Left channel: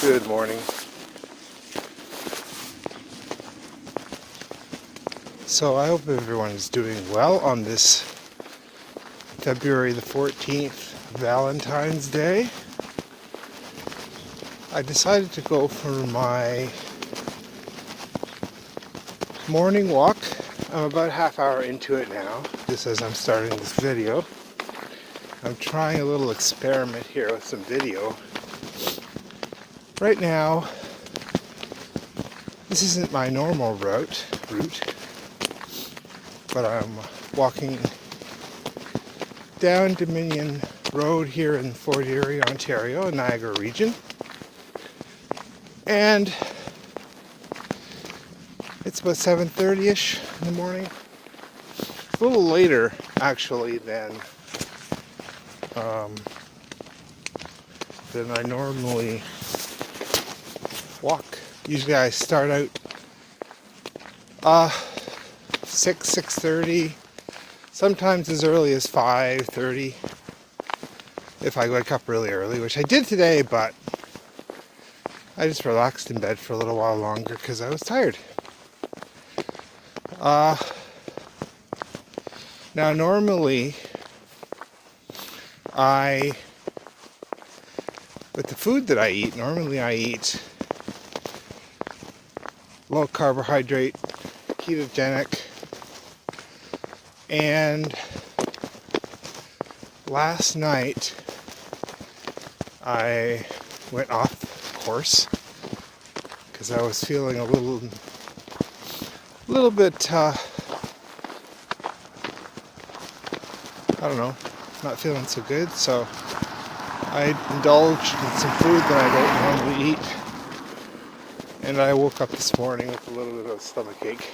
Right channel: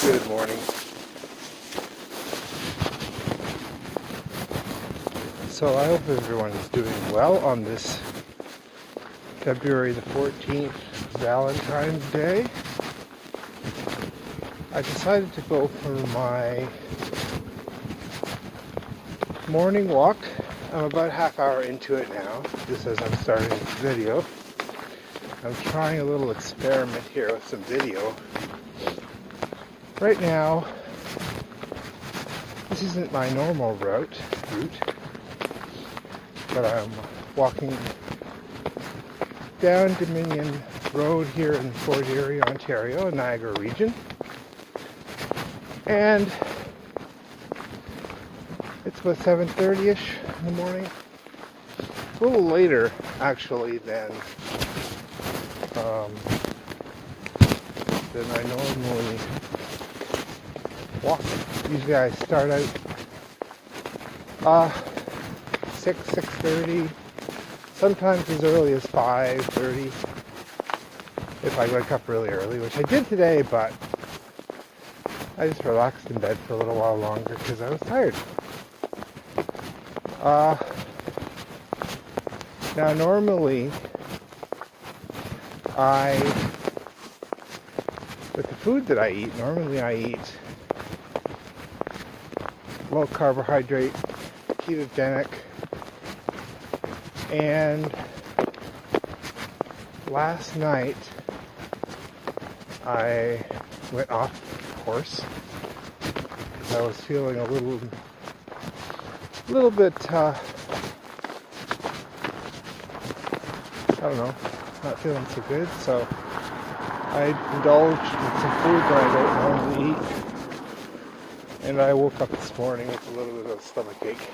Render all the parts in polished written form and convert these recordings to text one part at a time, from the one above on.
Good morning. So I hope everyone is doing well on this February the 14th, Valentine's Day. I decided to go for my morning walk. I'm about a half hour into it now, just as I'm starting this video. I'm trying a little experiment here with some video. Right now, this isn't my normal route, but I'm walking down Dominion Road here in Fort Erie, Ontario, Niagara region. And it's about 7:30ish in the morning. A little later, actually, than I normally walk. Usually I start out 6:30, sometimes as early as 5:30 if I wake up really early, which I did today, but I just relaxed in bed for a little while longer because I was tired. Now normally with the food that I eat, normally I eat low carbohydrate, ketogenic, and last night I went off course because I was feeling a little bit I don't know, not feeling so good, so I indulged in some food that I don't normally eat, and I woke up this morning with a little bit of a stomachache.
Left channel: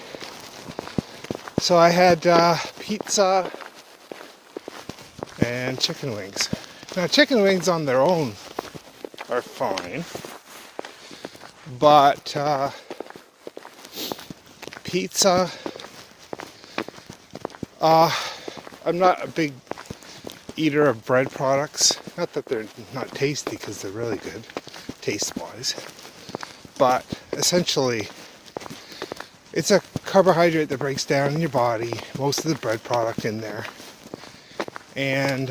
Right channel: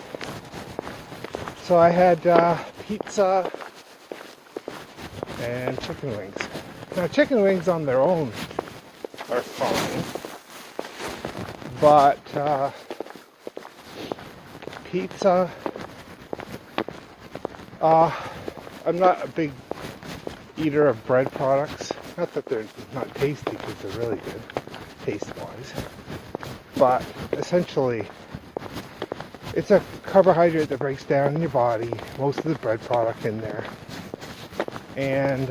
So I had pizza and chicken wings. Now chicken wings on their own are fine, but pizza, I'm not a big eater of bread products. Not that they're not tasty, because they're really good, taste-wise. But essentially, it's a carbohydrate that breaks down in your body, most of the bread product in there. And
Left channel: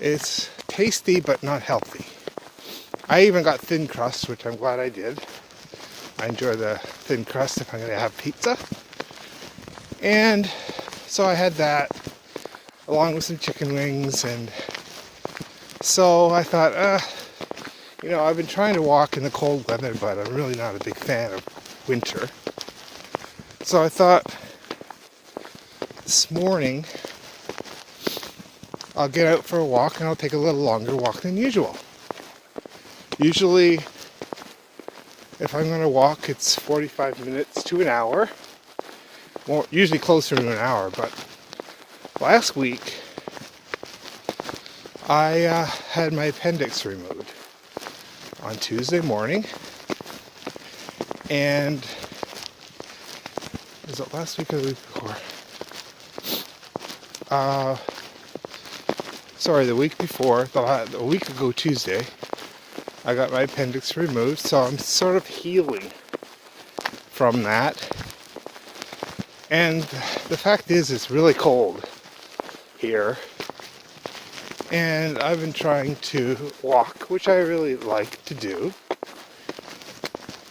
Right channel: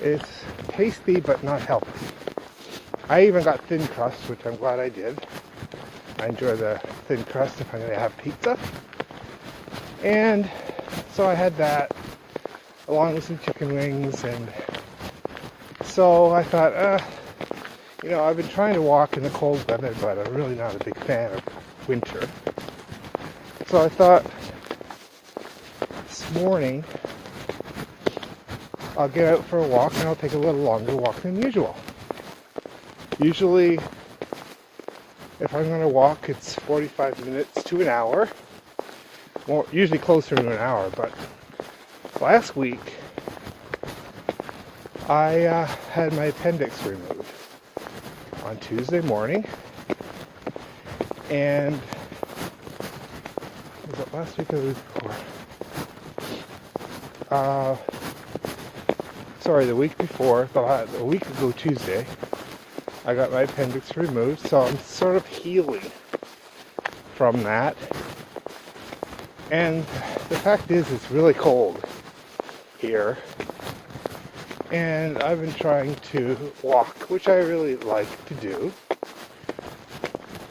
it's tasty, but not healthy. I even got thin crust, which I'm glad I did. I enjoy the thin crust if I'm going to have pizza. And so I had that, along with some chicken wings, and so I thought, I've been trying to walk in the cold weather, but I'm really not a big fan of winter. So I thought this morning I'll get out for a walk, and I'll take a little longer walk than usual. Usually, if I'm going to walk, it's 45 minutes to an hour. Well, usually closer to an hour, but last week I had my appendix removed on Tuesday morning, and was it last week or the week before? The week before, a week ago Tuesday, I got my appendix removed, so I'm sort of healing from that. And the fact is, it's really cold here, and I've been trying to walk, which I really like to do.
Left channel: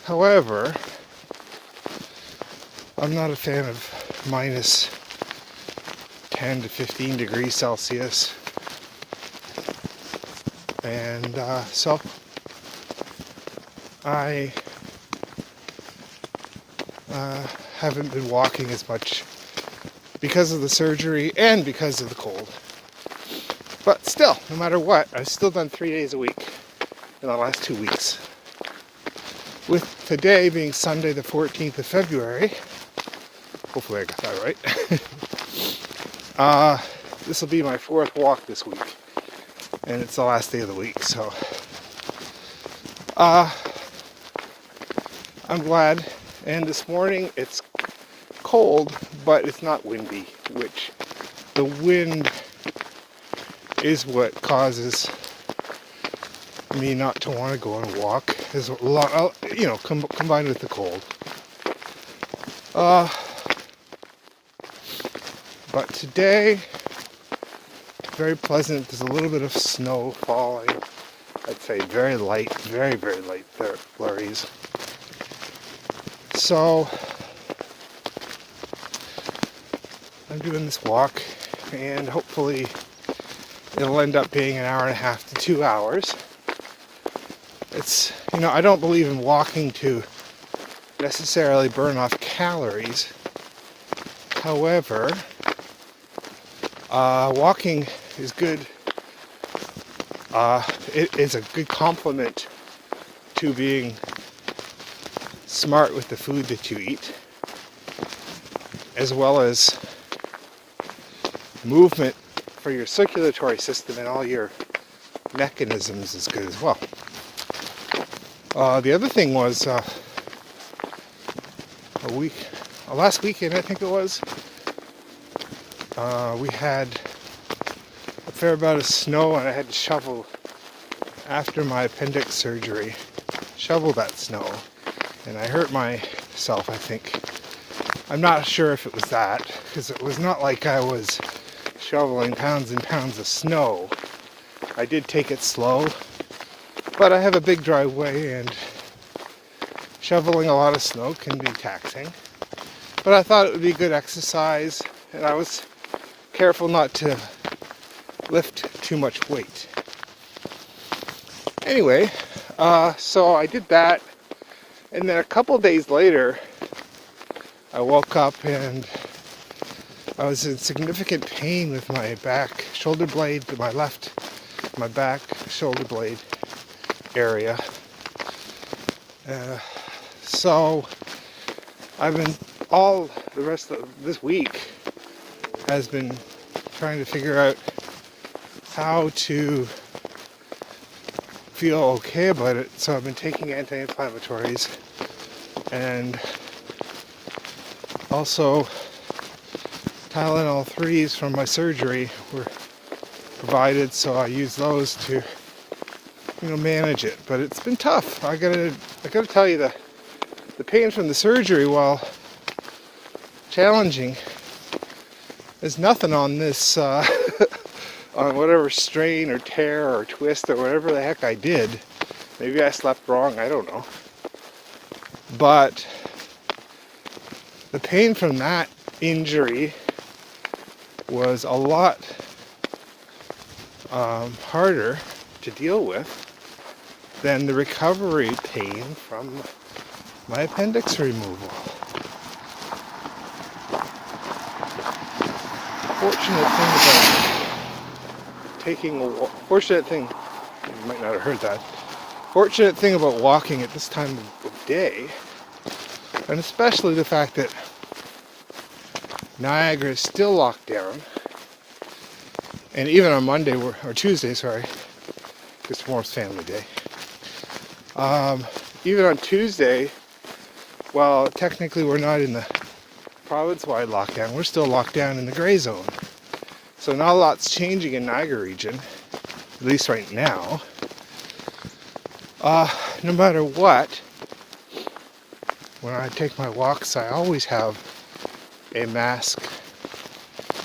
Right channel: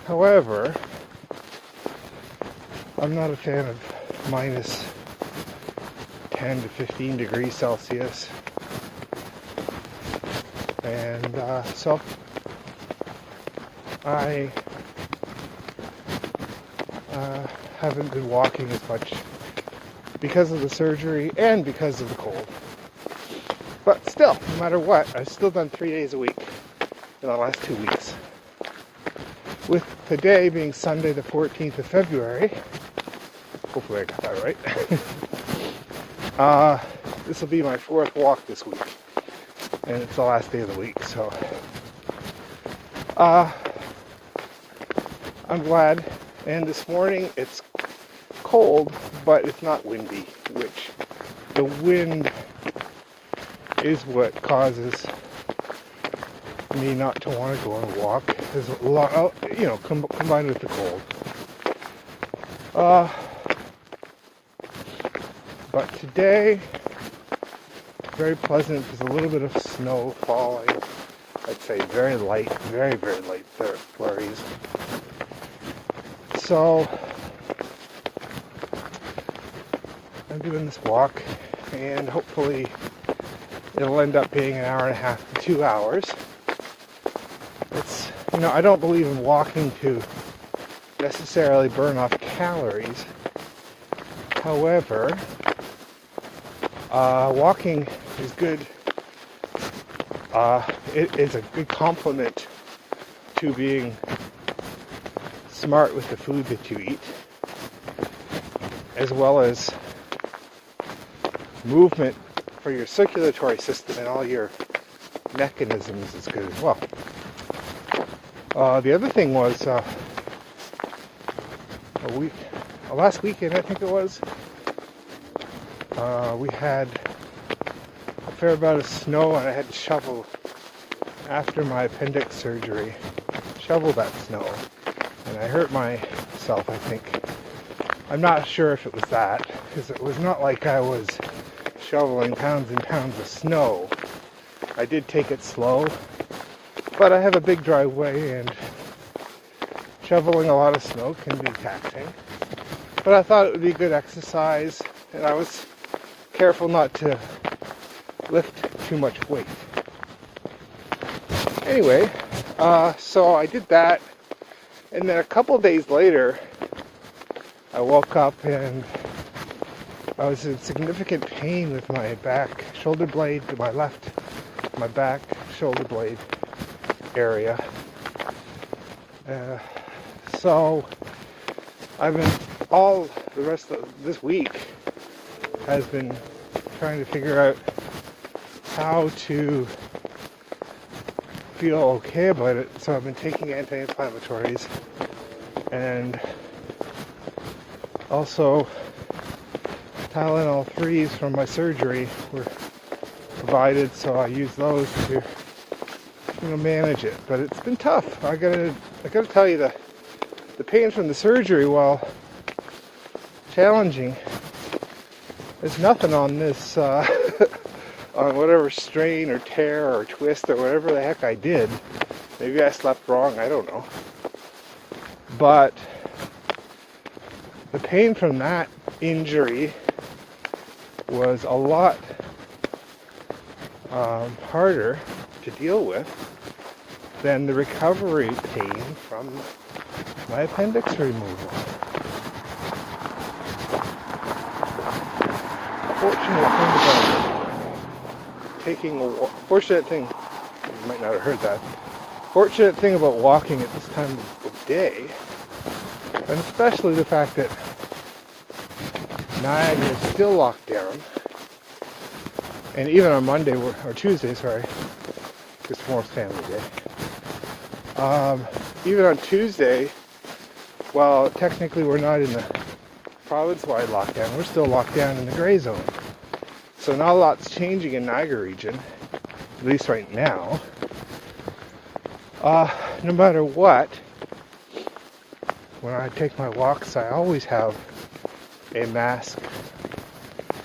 However, I'm not a fan of minus 10 to 15 degrees Celsius, and so I haven't been walking as much because of the surgery and because of the cold. But still, no matter what, I've still done 3 days a week in the last 2 weeks. With today being Sunday the 14th of February, hopefully I got that right, this will be my 4th walk this week, and it's the last day of the week, so I'm glad. And this morning it's cold, but it's not windy, which the wind is what causes me not to want to go and walk is combined with the cold. But today, very pleasant. There's a little bit of snow falling. I'd say very light, very, very light flurries. So I'm doing this walk, and hopefully it'll end up being an hour and a half to 2 hours. It's, I don't believe in walking to necessarily burn off calories. However, walking is good. It is a good complement to being smart with the food that you eat, as well as movement for your circulatory system and all your mechanisms is good as well. The other thing was last weekend I think it was, we had a fair amount of snow, and I had to shovel after my appendix surgery, shovel that snow, and I hurt myself, I think. I'm not sure if it was that, because it was not like I was shoveling pounds and pounds of snow. I did take it slow, but I have a big driveway, and shoveling a lot of snow can be taxing. But I thought it would be good exercise, and I was careful not to lift too much weight. Anyway, so I did that, and then a couple days later, I woke up and I was in significant pain with my back shoulder blade, my back shoulder blade area. So I've been, all the rest of this week has been trying to figure out how to feel okay about it. So I've been taking anti-inflammatories, and also Tylenol 3s from my surgery were provided, so I use those to manage it. But it's been tough. I gotta tell you, the pain from the surgery, while challenging, is nothing on this on whatever strain or tear or twist or whatever the heck I did. Maybe I slept wrong, I don't know. But the pain from that injury was a lot harder to deal with than the recovery pain from my appendix removal. You might not have heard that. Fortunate thing about walking at this time of the day, and especially the fact that Niagara is still locked down, and even on Monday or Tuesday, because tomorrow's family day. Even on Tuesday, well, technically we're not in the province-wide lockdown, we're still locked down in the gray zone. So not a lot's changing in Niagara region, at least right now. No matter what, when I take my walks, I always have a mask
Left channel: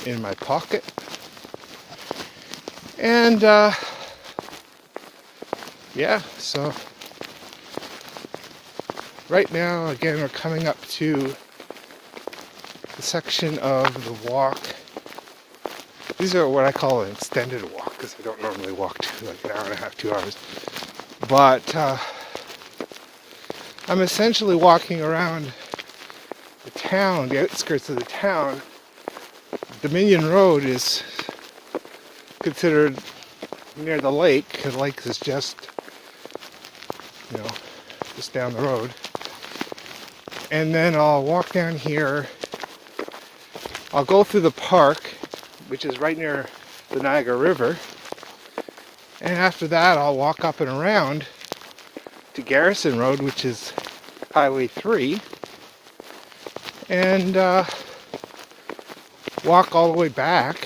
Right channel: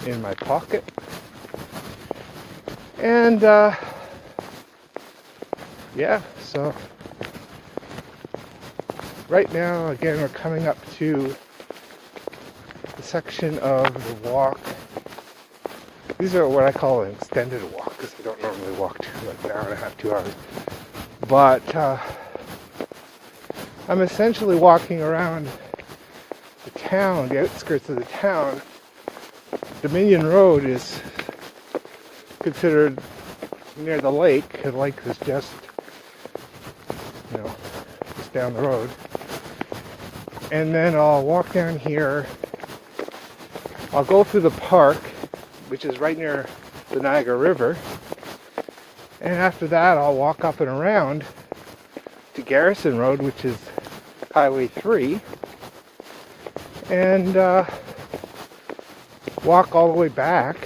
in my pocket. And so right now, again, we're coming up to the section of the walk. These are what I call an extended walk, because I don't normally walk to like an hour and a half, 2 hours. But I'm essentially walking around the town, the outskirts of the town. Dominion Road is considered near the lake. The lake is just down the road. And then I'll walk down here. I'll go through the park, which is right near the Niagara River. And after that, I'll walk up and around to Garrison Road, which is Highway 3. And walk all the way back,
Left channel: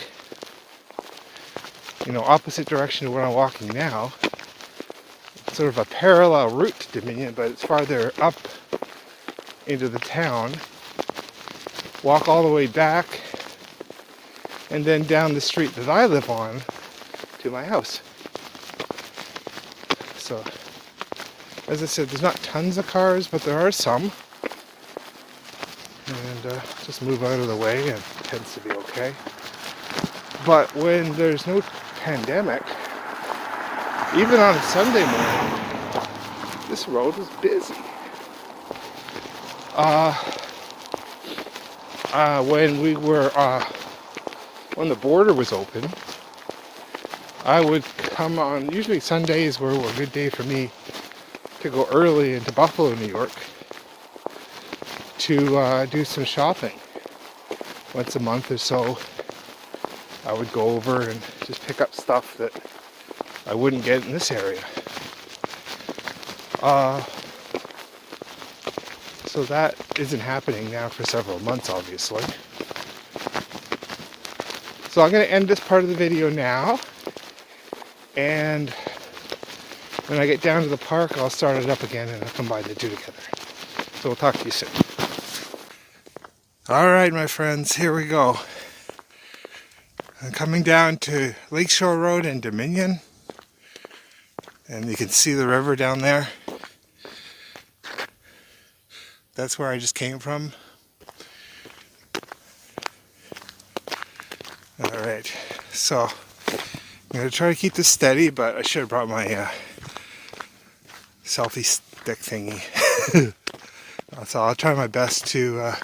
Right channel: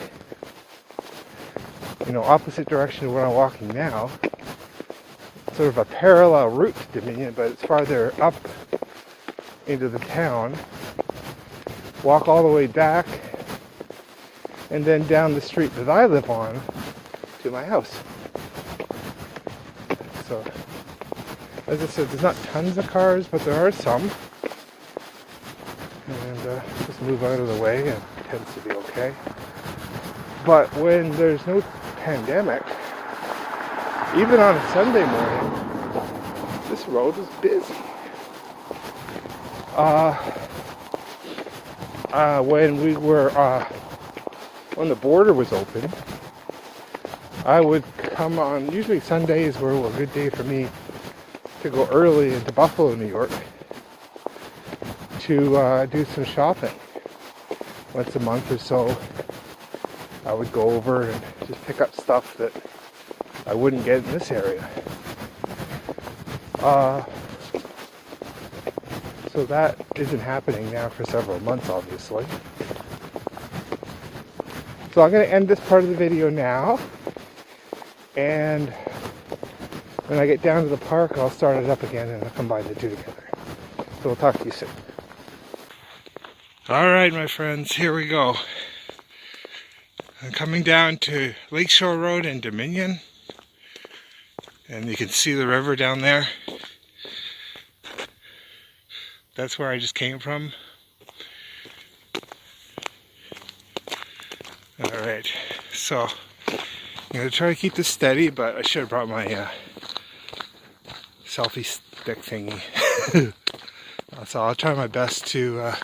opposite direction to where I'm walking now. sort of a parallel route to Dominion, but it's farther up into the town. Walk all the way back, and then down the street that I live on to my house. So, as I said, there's not tons of cars, but there are some. And just move out of the way, and it tends to be okay. But when there's no pandemic, even on a Sunday morning, this road is busy. When the border was open, I would come on, usually Sundays were a good day for me to go early into Buffalo, New York, to do some shopping. Once a month or so, I would go over and just pick up stuff that I wouldn't get in this area. So that isn't happening now for several months, obviously. So I'm going to end this part of the video now, and when I get down to the park, I'll start it up again and I'll combine the two together. So we'll talk to you soon. Alright, my friends, here we go. I'm coming down to Lakeshore Road in Dominion, and you can see the river down there. That's where I just came from. Alright, so I'm going to try to keep this steady, but I should have brought my selfie stick thingy. So I'll try my best to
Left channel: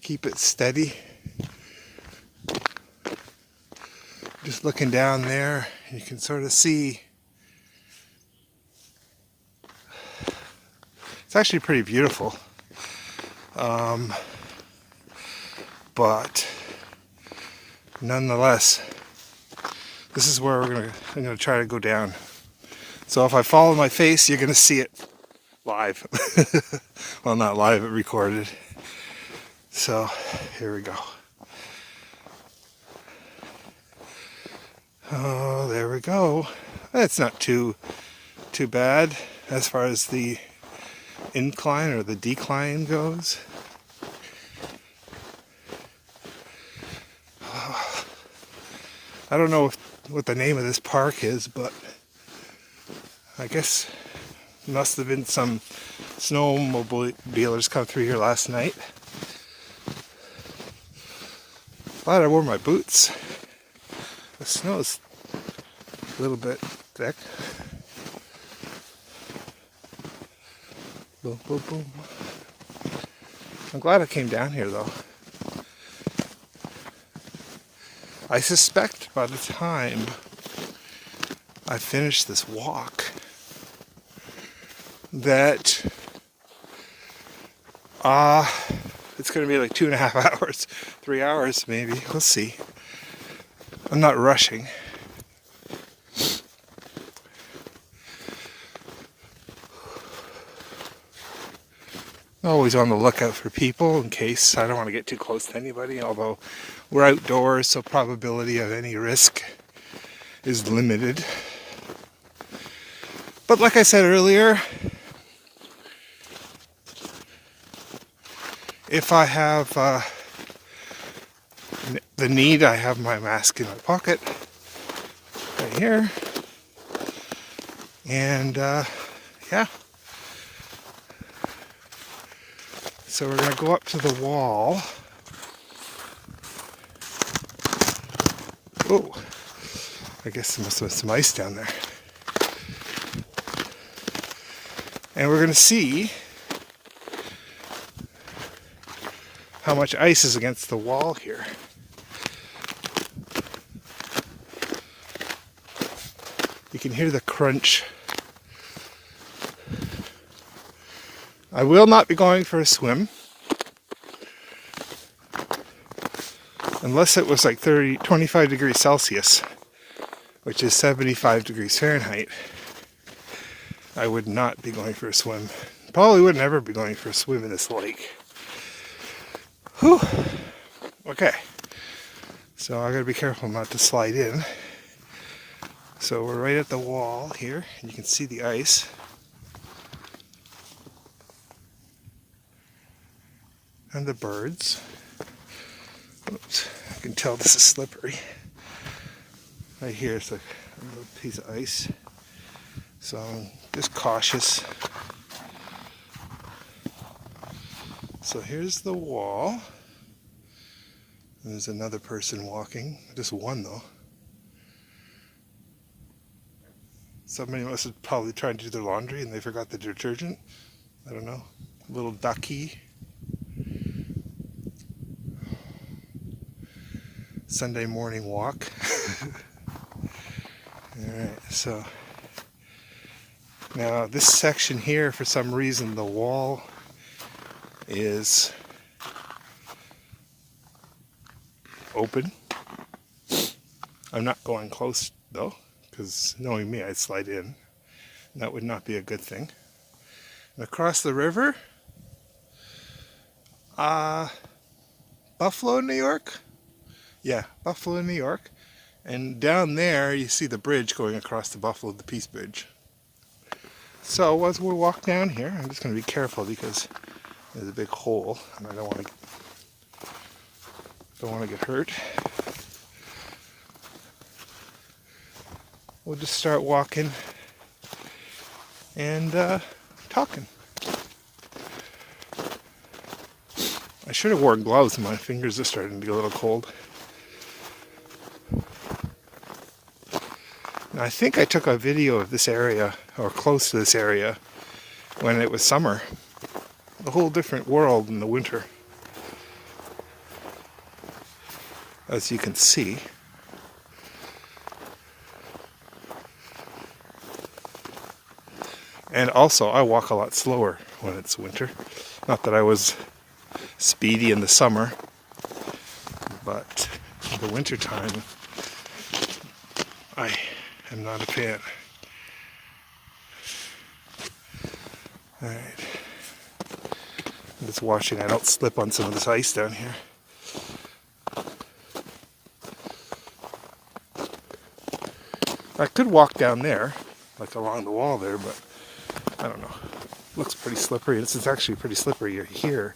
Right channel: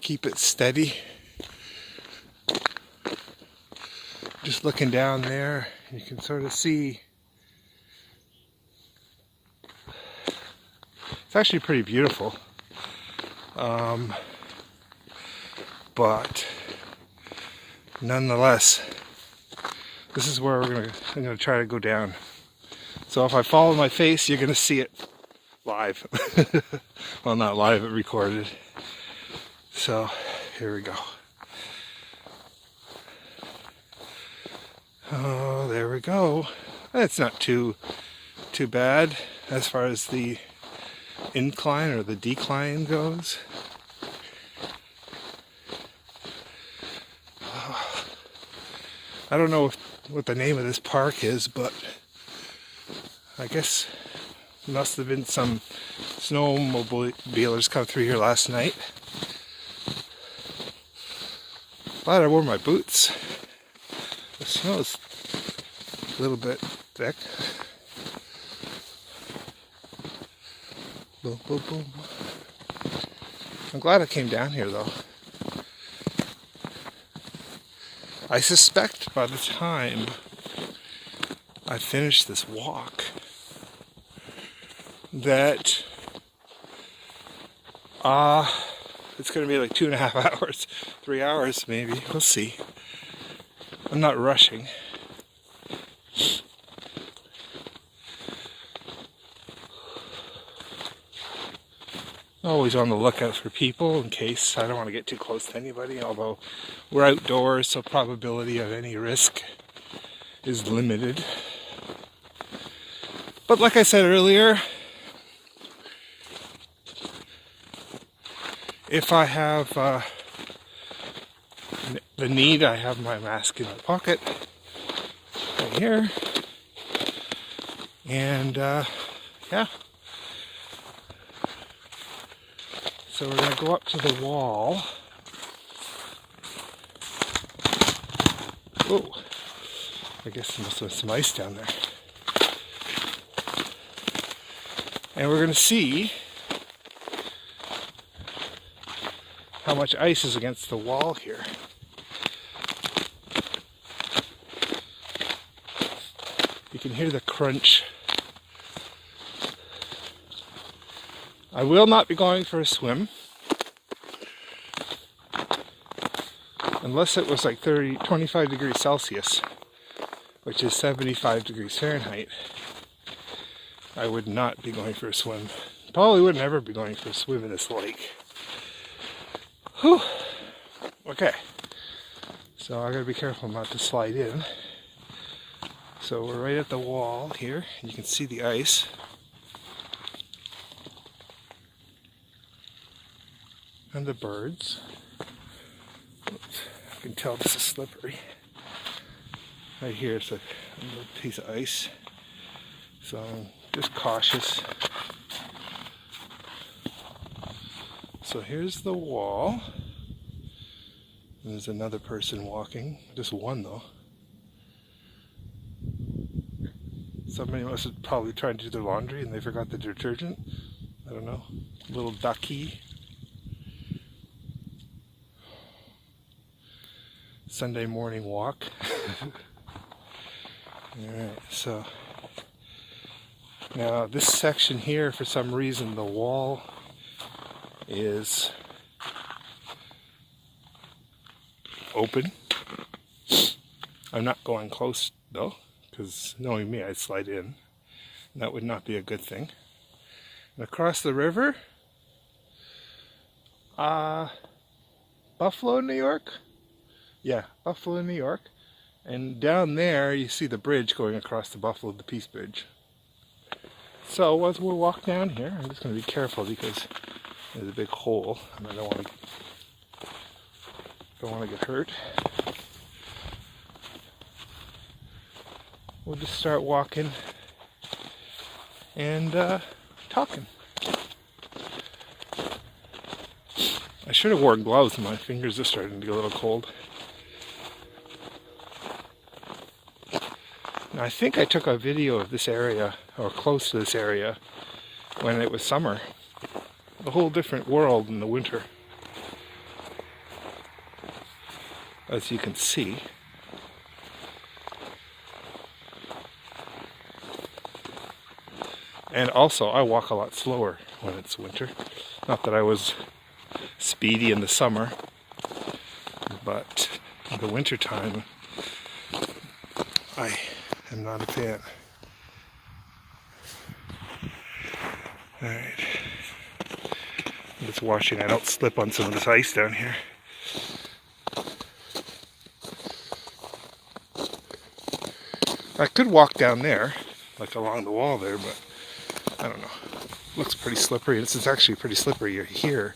keep it steady. Just looking down there, you can sort of see. It's actually pretty beautiful. But nonetheless, this is where I'm gonna try to go down. So if I follow my face, you're gonna see it live. Well, not live, but recorded. So here we go. Oh, there we go. That's not too bad as far as the incline or the decline goes. I don't know what the name of this park is, but I guess must have been some snowmobilers come through here last night. Glad I wore my boots. The snow's a little bit thick. Boom, boom, boom. I'm glad I came down here though. I suspect by the time I finish this walk that it's going to be like 2.5 hours, 3 hours maybe. We'll see. I'm not rushing. Always on the lookout for people in case. I don't want to get too close to anybody, although we're outdoors, so probability of any risk is limited. But like I said earlier, if I have the need, I have my mask in my pocket right here. And yeah. So we're going to go up to the wall. Oh, I guess there must have been some ice down there. And we're going to see how much ice is against the wall here. You can hear the crunch. I will not be going for a swim unless it was like 25 degrees Celsius, which is 75 degrees Fahrenheit. I would not be going for a swim. Probably would never be going for a swim in this lake. Whew. Okay, so I gotta be careful not to slide in. So we're right at the wall here, and you can see the ice. And the birds. Oops, I can tell this is slippery. Right here is a little piece of ice. So I'm just cautious. So here's the wall. And there's another person walking. Just one though. Somebody must have probably tried to do their laundry and they forgot the detergent. I don't know. Little ducky. Sunday morning walk. Alright, so now this section here, for some reason, the wall is open. I'm not going close though, because knowing me, I'd slide in. That would not be a good thing. And across the river, Buffalo, New York? Yeah, Buffalo, New York. And down there, you see the bridge going across the Buffalo, the Peace Bridge. So as we walk down here, I'm just going to be careful because there's a big hole, and I don't want to get hurt. We'll just start walking and talking. I should have worn gloves. My fingers are starting to get a little cold. Now, I think I took a video of this area, or close to this area, when it was summer. A whole different world in the winter, as you can see. And also, I walk a lot slower when it's winter. Not that I was speedy in the summer, but in the winter time, I am not a fan. Alright. I'm just watching I don't slip on some of this ice down here. I could walk down there, like along the wall there, but I don't know. Looks pretty slippery. This is actually pretty slippery here,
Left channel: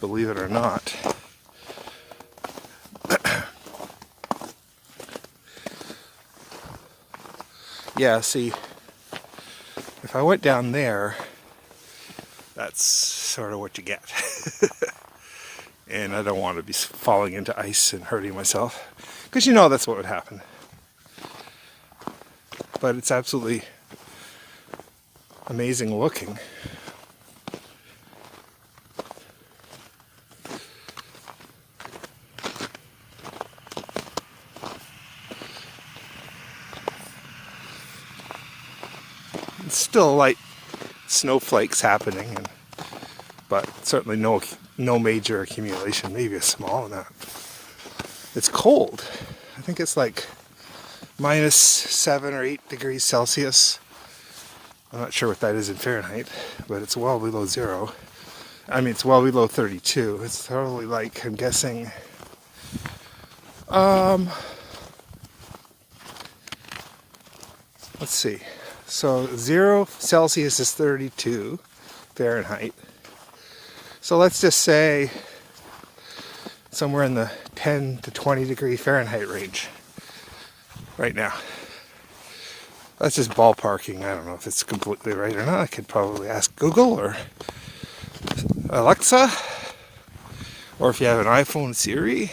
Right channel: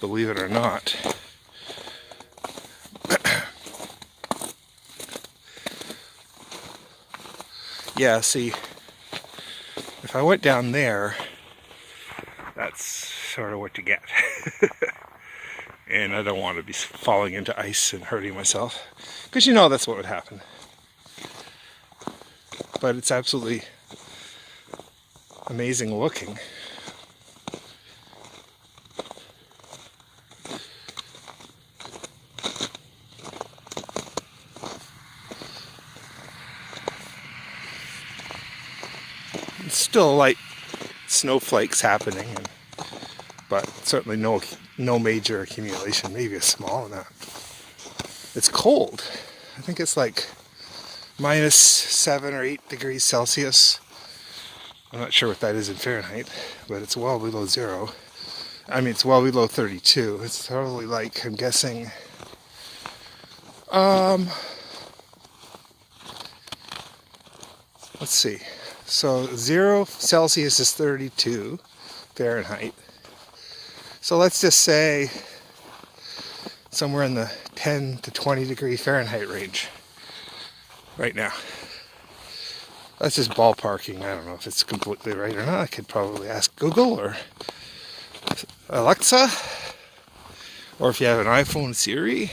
believe it or not. Yeah, see, if I went down there, that's sort of what you get. And I don't want to be falling into ice and hurting myself, because you know that's what would happen. But it's absolutely amazing looking. It's still light snowflakes happening, but certainly no major accumulation, maybe a small amount. It's cold. I think it's like -7 or 8 degrees Celsius. I'm not sure what that is in Fahrenheit, but it's well below zero. I mean, it's well below 32. It's totally like, I'm guessing, let's see. So 0 Celsius is 32 Fahrenheit. So let's just say somewhere in the 10 to 20 degree Fahrenheit range right now. That's just ballparking. I don't know if it's completely right or not. I could probably ask Google or Alexa, or if you have an iPhone, Siri.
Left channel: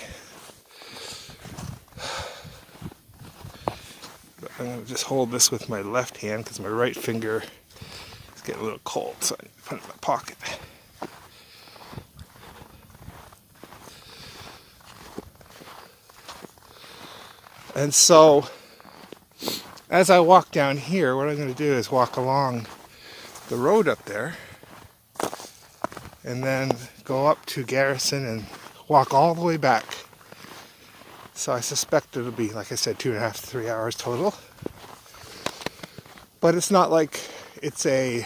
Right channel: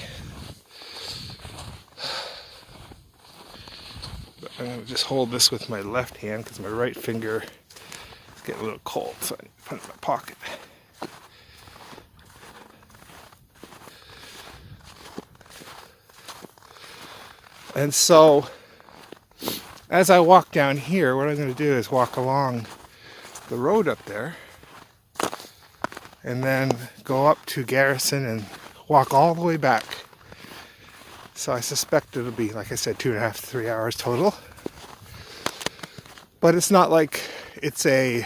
But I'm going to just hold this with my left hand because my right finger is getting a little cold, so I need to put it in my pocket. And so, as I walk down here, what I'm going to do is walk along the road up there, and then go up to Garrison and walk all the way back. So I suspect it'll be, like I said, 2.5 to 3 hours total. But it's not like it's a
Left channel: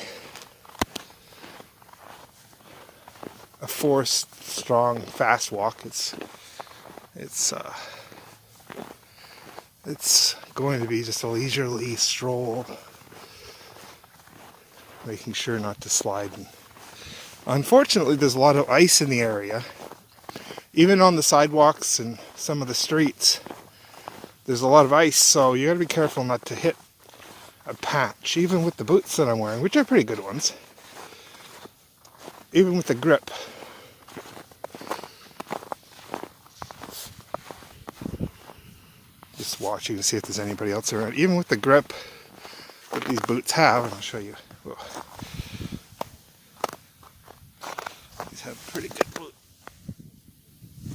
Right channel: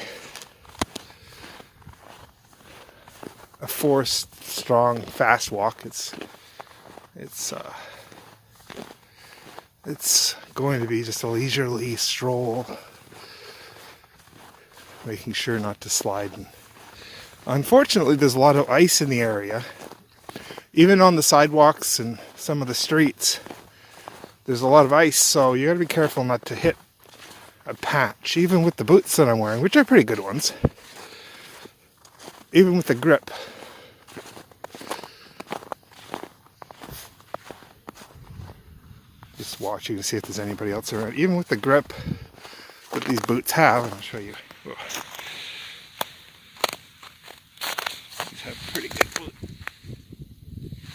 forced, strong, fast walk. It's It's going to be just a leisurely stroll, making sure not to slide. And unfortunately, there's a lot of ice in the area. Even on the sidewalks and some of the streets, there's a lot of ice, so you gotta be careful not to hit a patch, even with the boots that I'm wearing, which are pretty good ones. Even with the grip. Just watching to see if there's anybody else around. Even with the grip that these boots have, and I'll show you. Whoa. These have pretty good boots.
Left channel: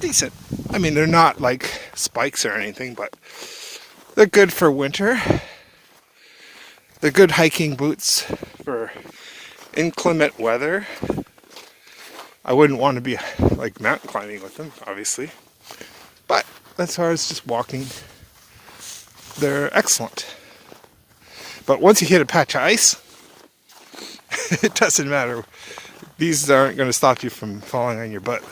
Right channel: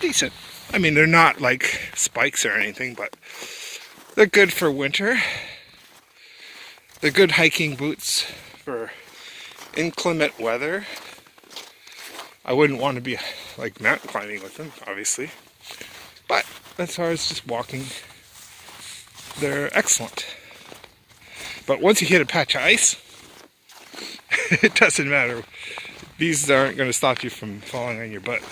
Decent. I mean, they're not like spikes or anything, but they're good for winter. They're good hiking boots for inclement weather. I wouldn't want to be like mountain climbing with them, obviously. But as far as just walking, they're excellent. But once you hit a patch of ice, it doesn't matter. These aren't going to stop you from falling on your butt.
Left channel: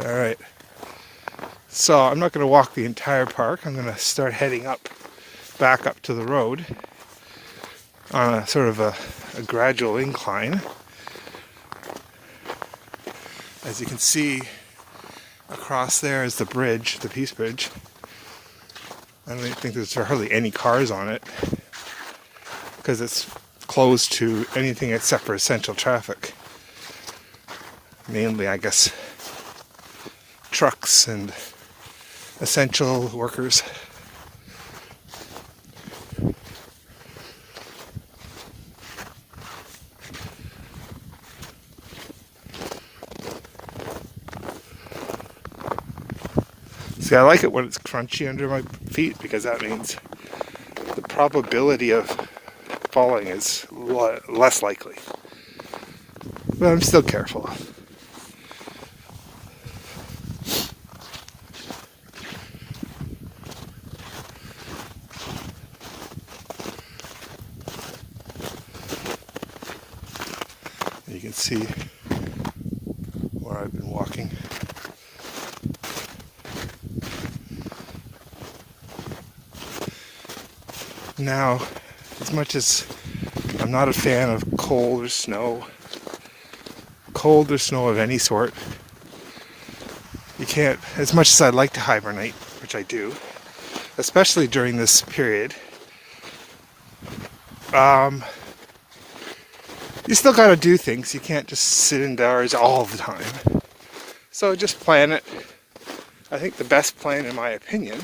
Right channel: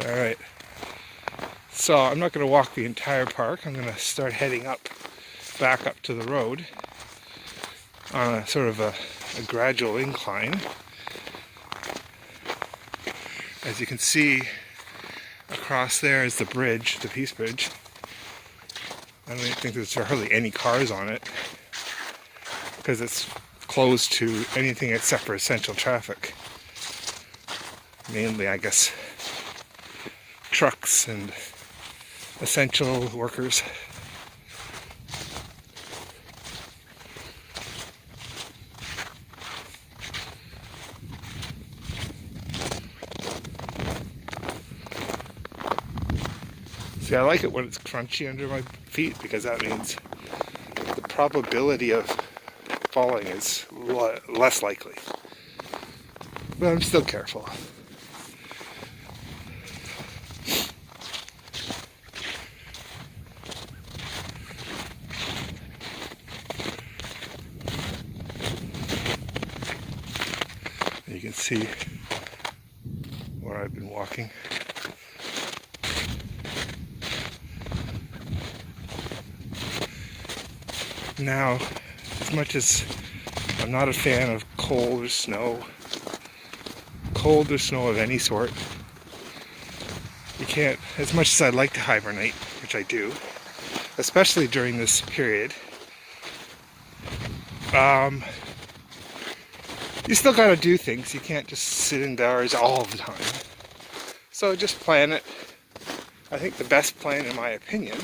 Alright. So I'm not going to walk the entire park. I'm going to start heading back up to the road on a sort of a gradual incline. As you can see, across there is the bridge, the Peace Bridge. I don't think there's hardly any cars on it because it's closed to anything except for essential traffic. Mainly, I guess, trucks and essential workers. See, I like it when it's crunchy under my feet because that means the probability of falling is less likely. But I'm still careful. And you can see where I've been walking. Now, as much as I'm not a fan of cold or snow of any sort, you can't, as much as I'd like to hibernate, which I do, especially during this period, you still gotta do things. You can't just sit indoors all the time. So just plan it. I think the best plan, in my opinion,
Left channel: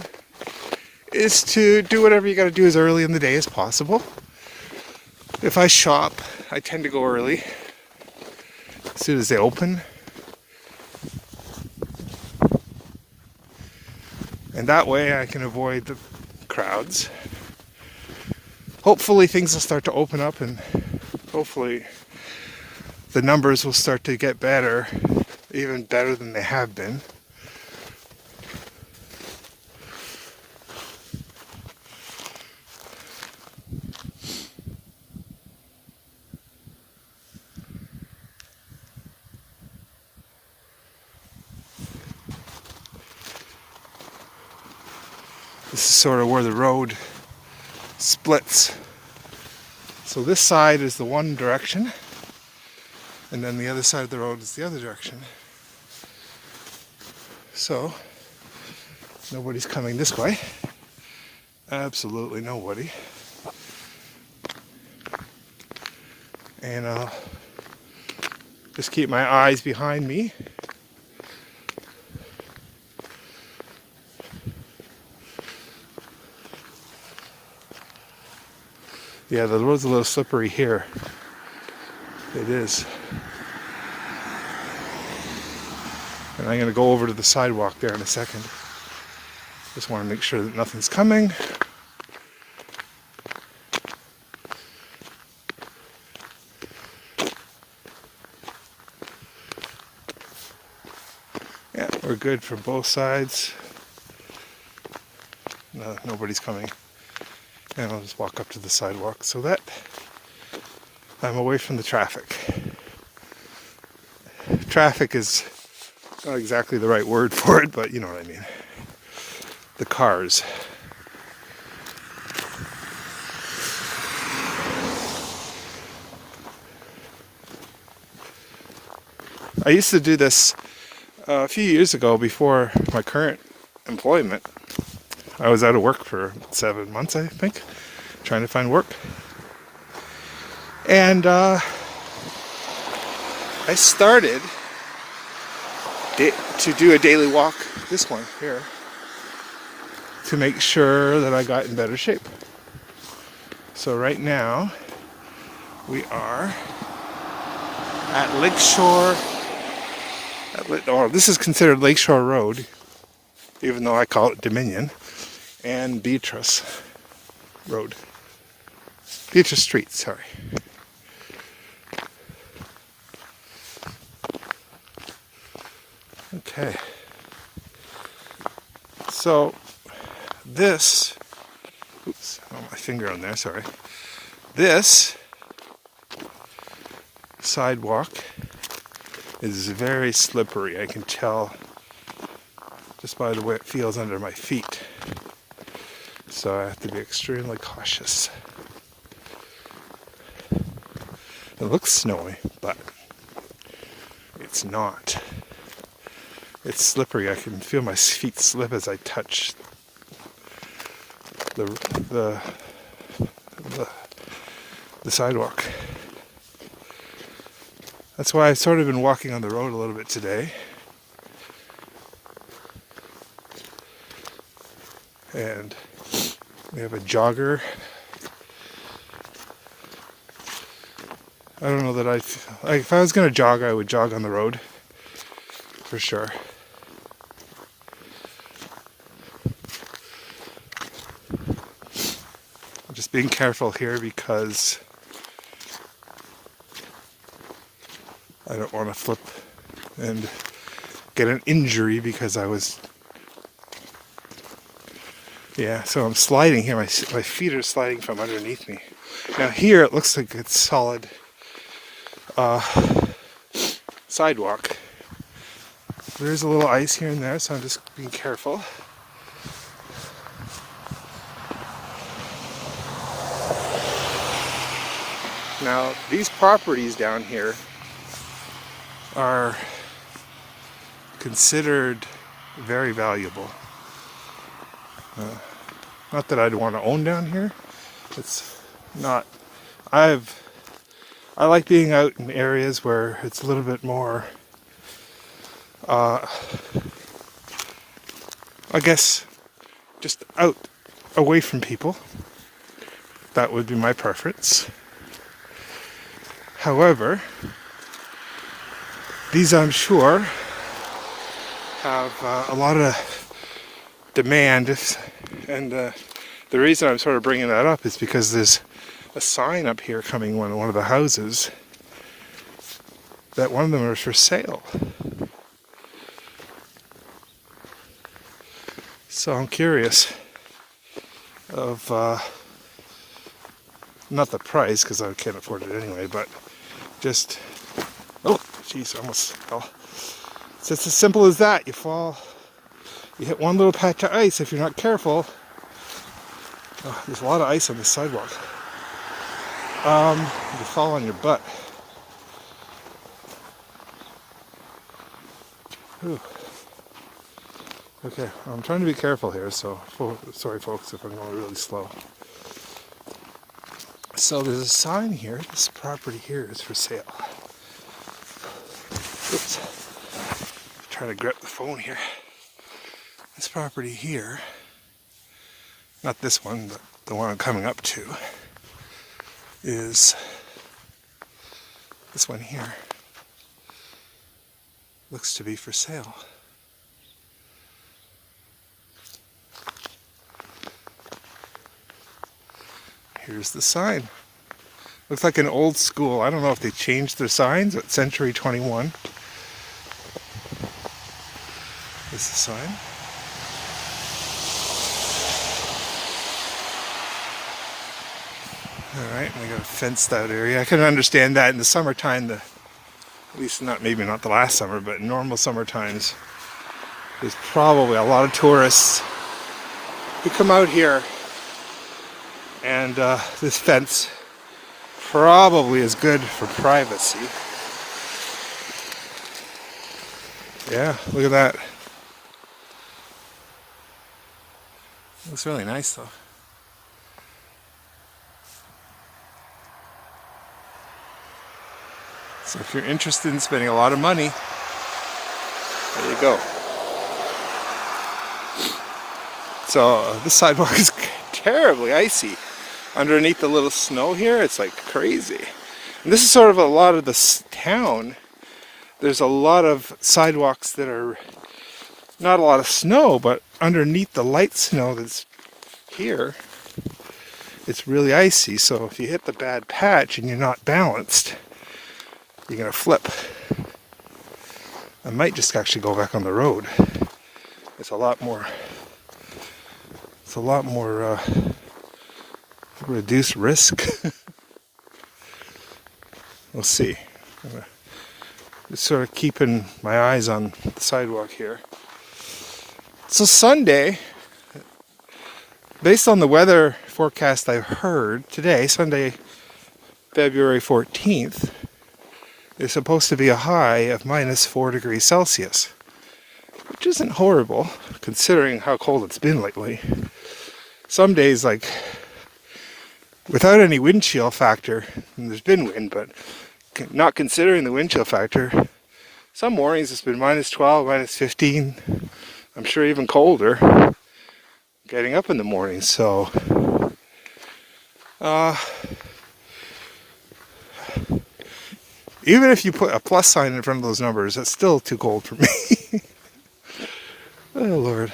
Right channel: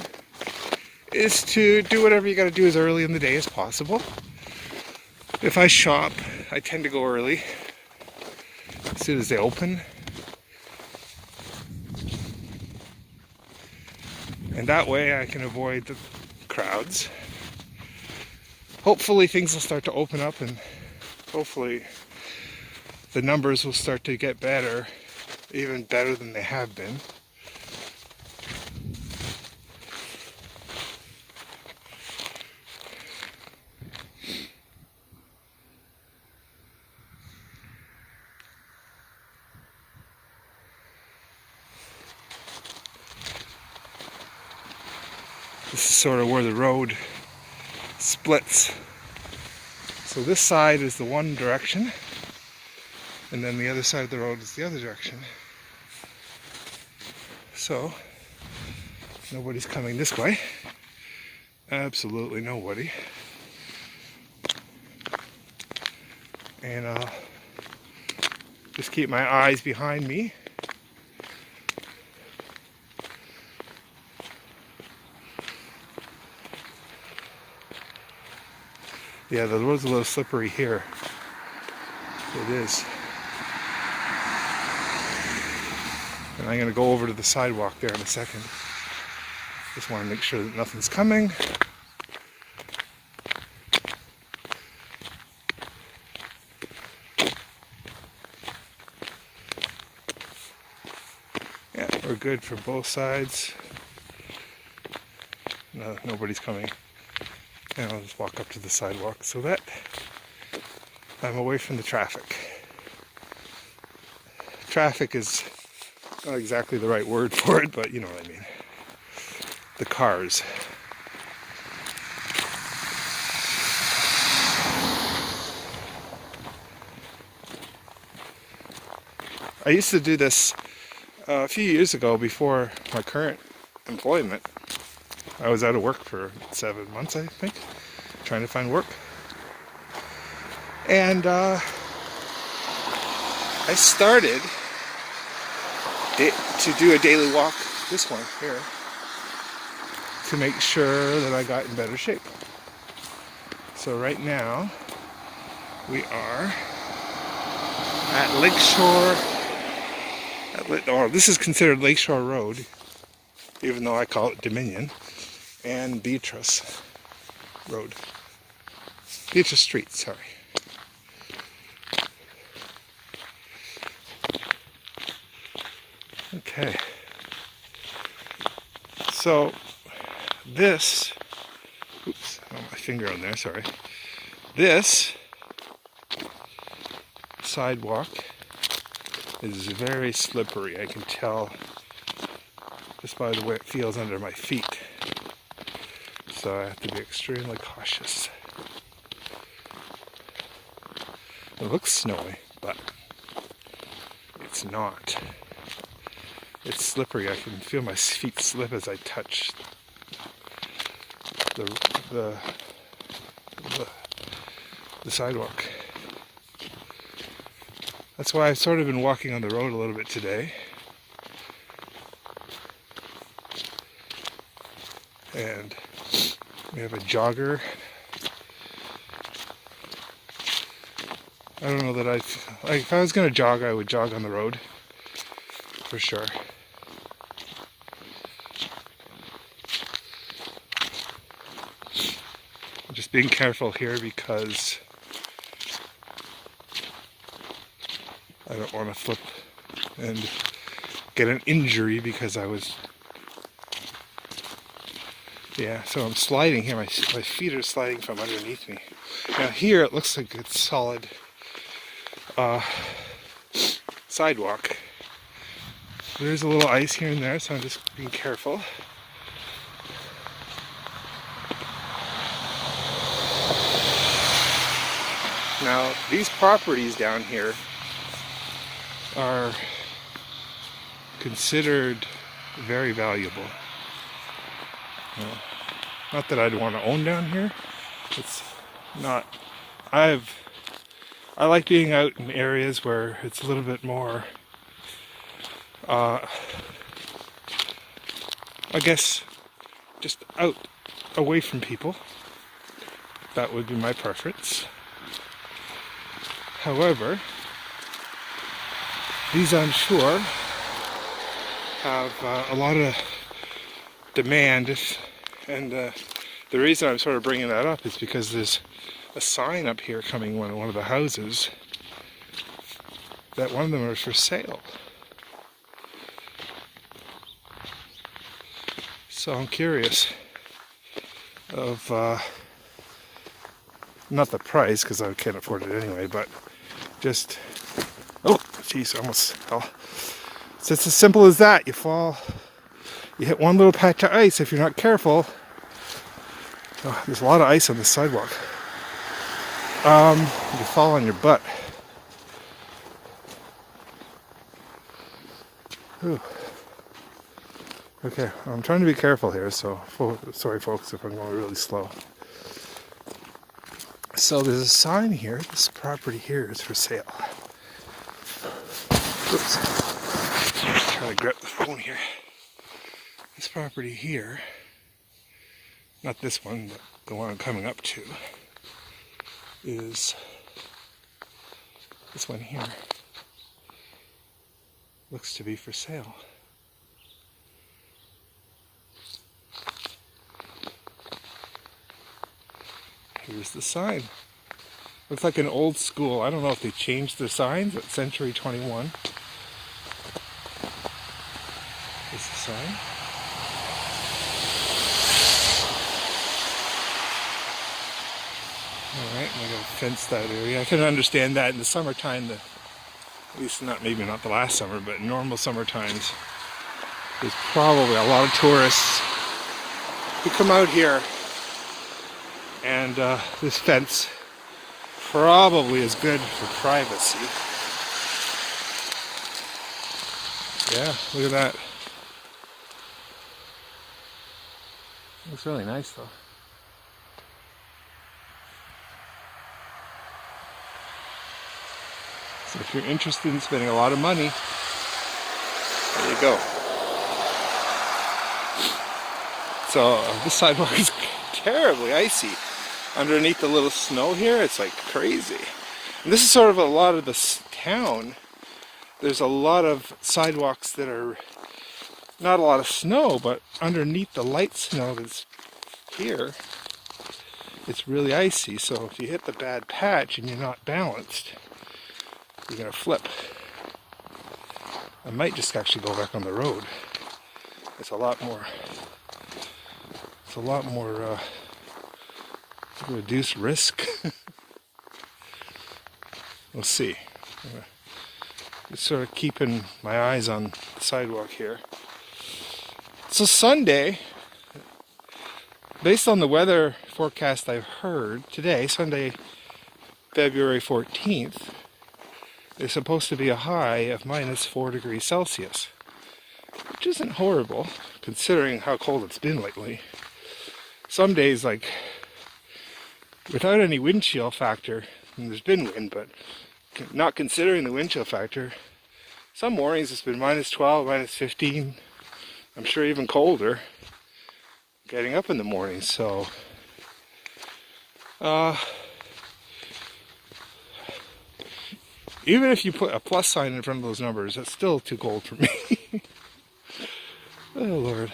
is to do whatever you got to do as early in the day as possible. If I shop, I tend to go early, as soon as they open. And that way I can avoid the crowds. Hopefully things will start to open up and hopefully the numbers will start to get better, even better than they have been. This is sort of where the road splits. So this side is the one direction, and then the other side of the road is the other direction. So, nobody's coming this way. Absolutely nobody. And I'll just keep my eyes behind me. Yeah, the road's a little slippery here. It is. And I'm going to go over to the sidewalk there in a second. Just want to make sure that nothing's coming. Yeah, we're good for both sides. No, nobody's coming. And I'll just walk up to the sidewalk so that I'm away from the traffic. Traffic is not exactly the right word for it, but you know what I mean. the cars. I used to do this a few years ago before my current employment. I was out of work for 7 months, I think, trying to find work. And I started to do a daily walk, this one here, to make sure that I got in better shape. So right now, we are at Lakeshore. This is considered Lakeshore Road, even though I call it Dominion, and Beatrice Road. Beatrice Street, sorry. Okay. So this, oops, I got my finger on there, sorry. This sidewalk is very slippery. I can tell just by the way it feels under my feet. So I have to be extremely cautious. It looks snowy, but it's not. It's slippery. I can feel my feet slip as I touch the sidewalk. That's why I've sort of been walking on the road a little bit today. And we have a jogger. I don't know that if I was going to jog, I would jog on the road, for sure. I'm just being careful here because I don't want to flip and get an injury because I was... Yeah, so I'm sliding here. My feet are sliding from underneath me. Now here it looks like it's solid sidewalk. There's a little ice here and there, so I'm just being careful. Now, these properties down here are considered very valuable. Not that I'd want to own down here. It's not. I like being out in areas where it's a little bit more, I guess, just out, away from people. That would be my preference. However, these, I'm sure, have a lot of demand, and the reason I'm sort of bringing that up is because there's a sign up here coming on one of the houses that one of them are for sale. So I'm curious of not the price, because I can't afford it anyway, but just, oh geez, almost fell. It's just as simple as that. You fall, you hit one little patch of ice if you're not careful. Oh, there's a lot of ice on the sidewalk. You fall on your butt. Whew. Okay, I'm trying to be careful here, so sorry folks if I'm going really slow. So there's a sign here. This property here is for sale. Oops. Trying to grab the phone here. This property here, not this one, but the one I'm coming up to, is this one here. Looks to be for sale. Here's the sign. Looks like an old school. I don't know if they changed their signs at Century 21. This is the sign. Alright, and we got a fenced out area. I can understand that in the summertime, at least maybe not the last summer, but normal summer times, there's probably a lot of tourists You come out here, and this fence probably is good for privacy. Yeah, look at that. Looks really nice though. So if you're interested in spending a lot of money, there you go. So this sidewalk is terribly icy. Underneath the little snow here, it's like crazy. And this is sort of a lot of this town. There's a lot of sidewalks that are not a lot of snow, but underneath the light snow that's here, it's really icy. So if you hit the bad patch and you're not balanced, you're gonna flip. I might just actually go back on the road. It's a lot more reduced risk. We'll see. Just sort of keeping my eyes on the sidewalk here. So Sunday, based on the weather forecast I've heard today, Sunday, February 14th, is supposed to be a high of minus 4 degrees Celsius, which isn't horrible considering how cold it's been lately. Some days, like, without any wind chill factor, and there's been wind, but not considering the wind chill factor, some mornings it's been minus 12, minus 15, I'm sure even colder getting up in the morning. So even if you put a plus sign in front of those numbers, that's still too cold for me. Oh Lord.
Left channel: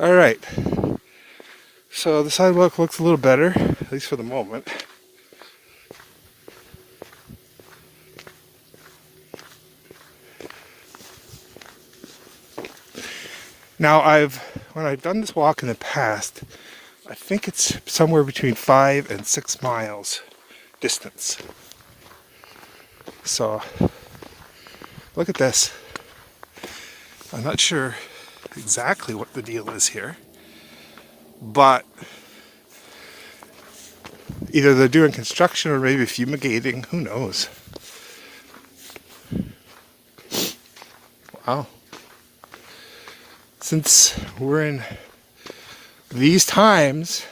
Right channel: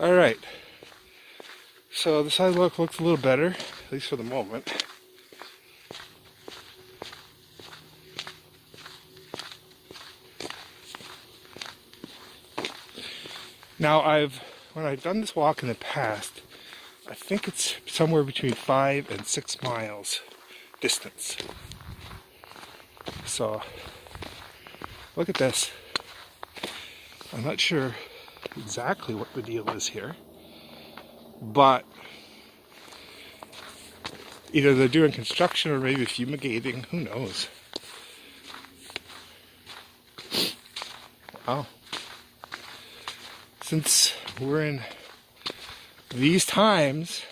Alright, so the sidewalk looks a little better, at least for the moment. Now when I've done this walk in the past, I think it's somewhere between 5 and 6 miles distance. So, look at this. I'm not sure exactly what the deal is here, but either they're doing construction or maybe fumigating, who knows. Wow. Since we're in these times,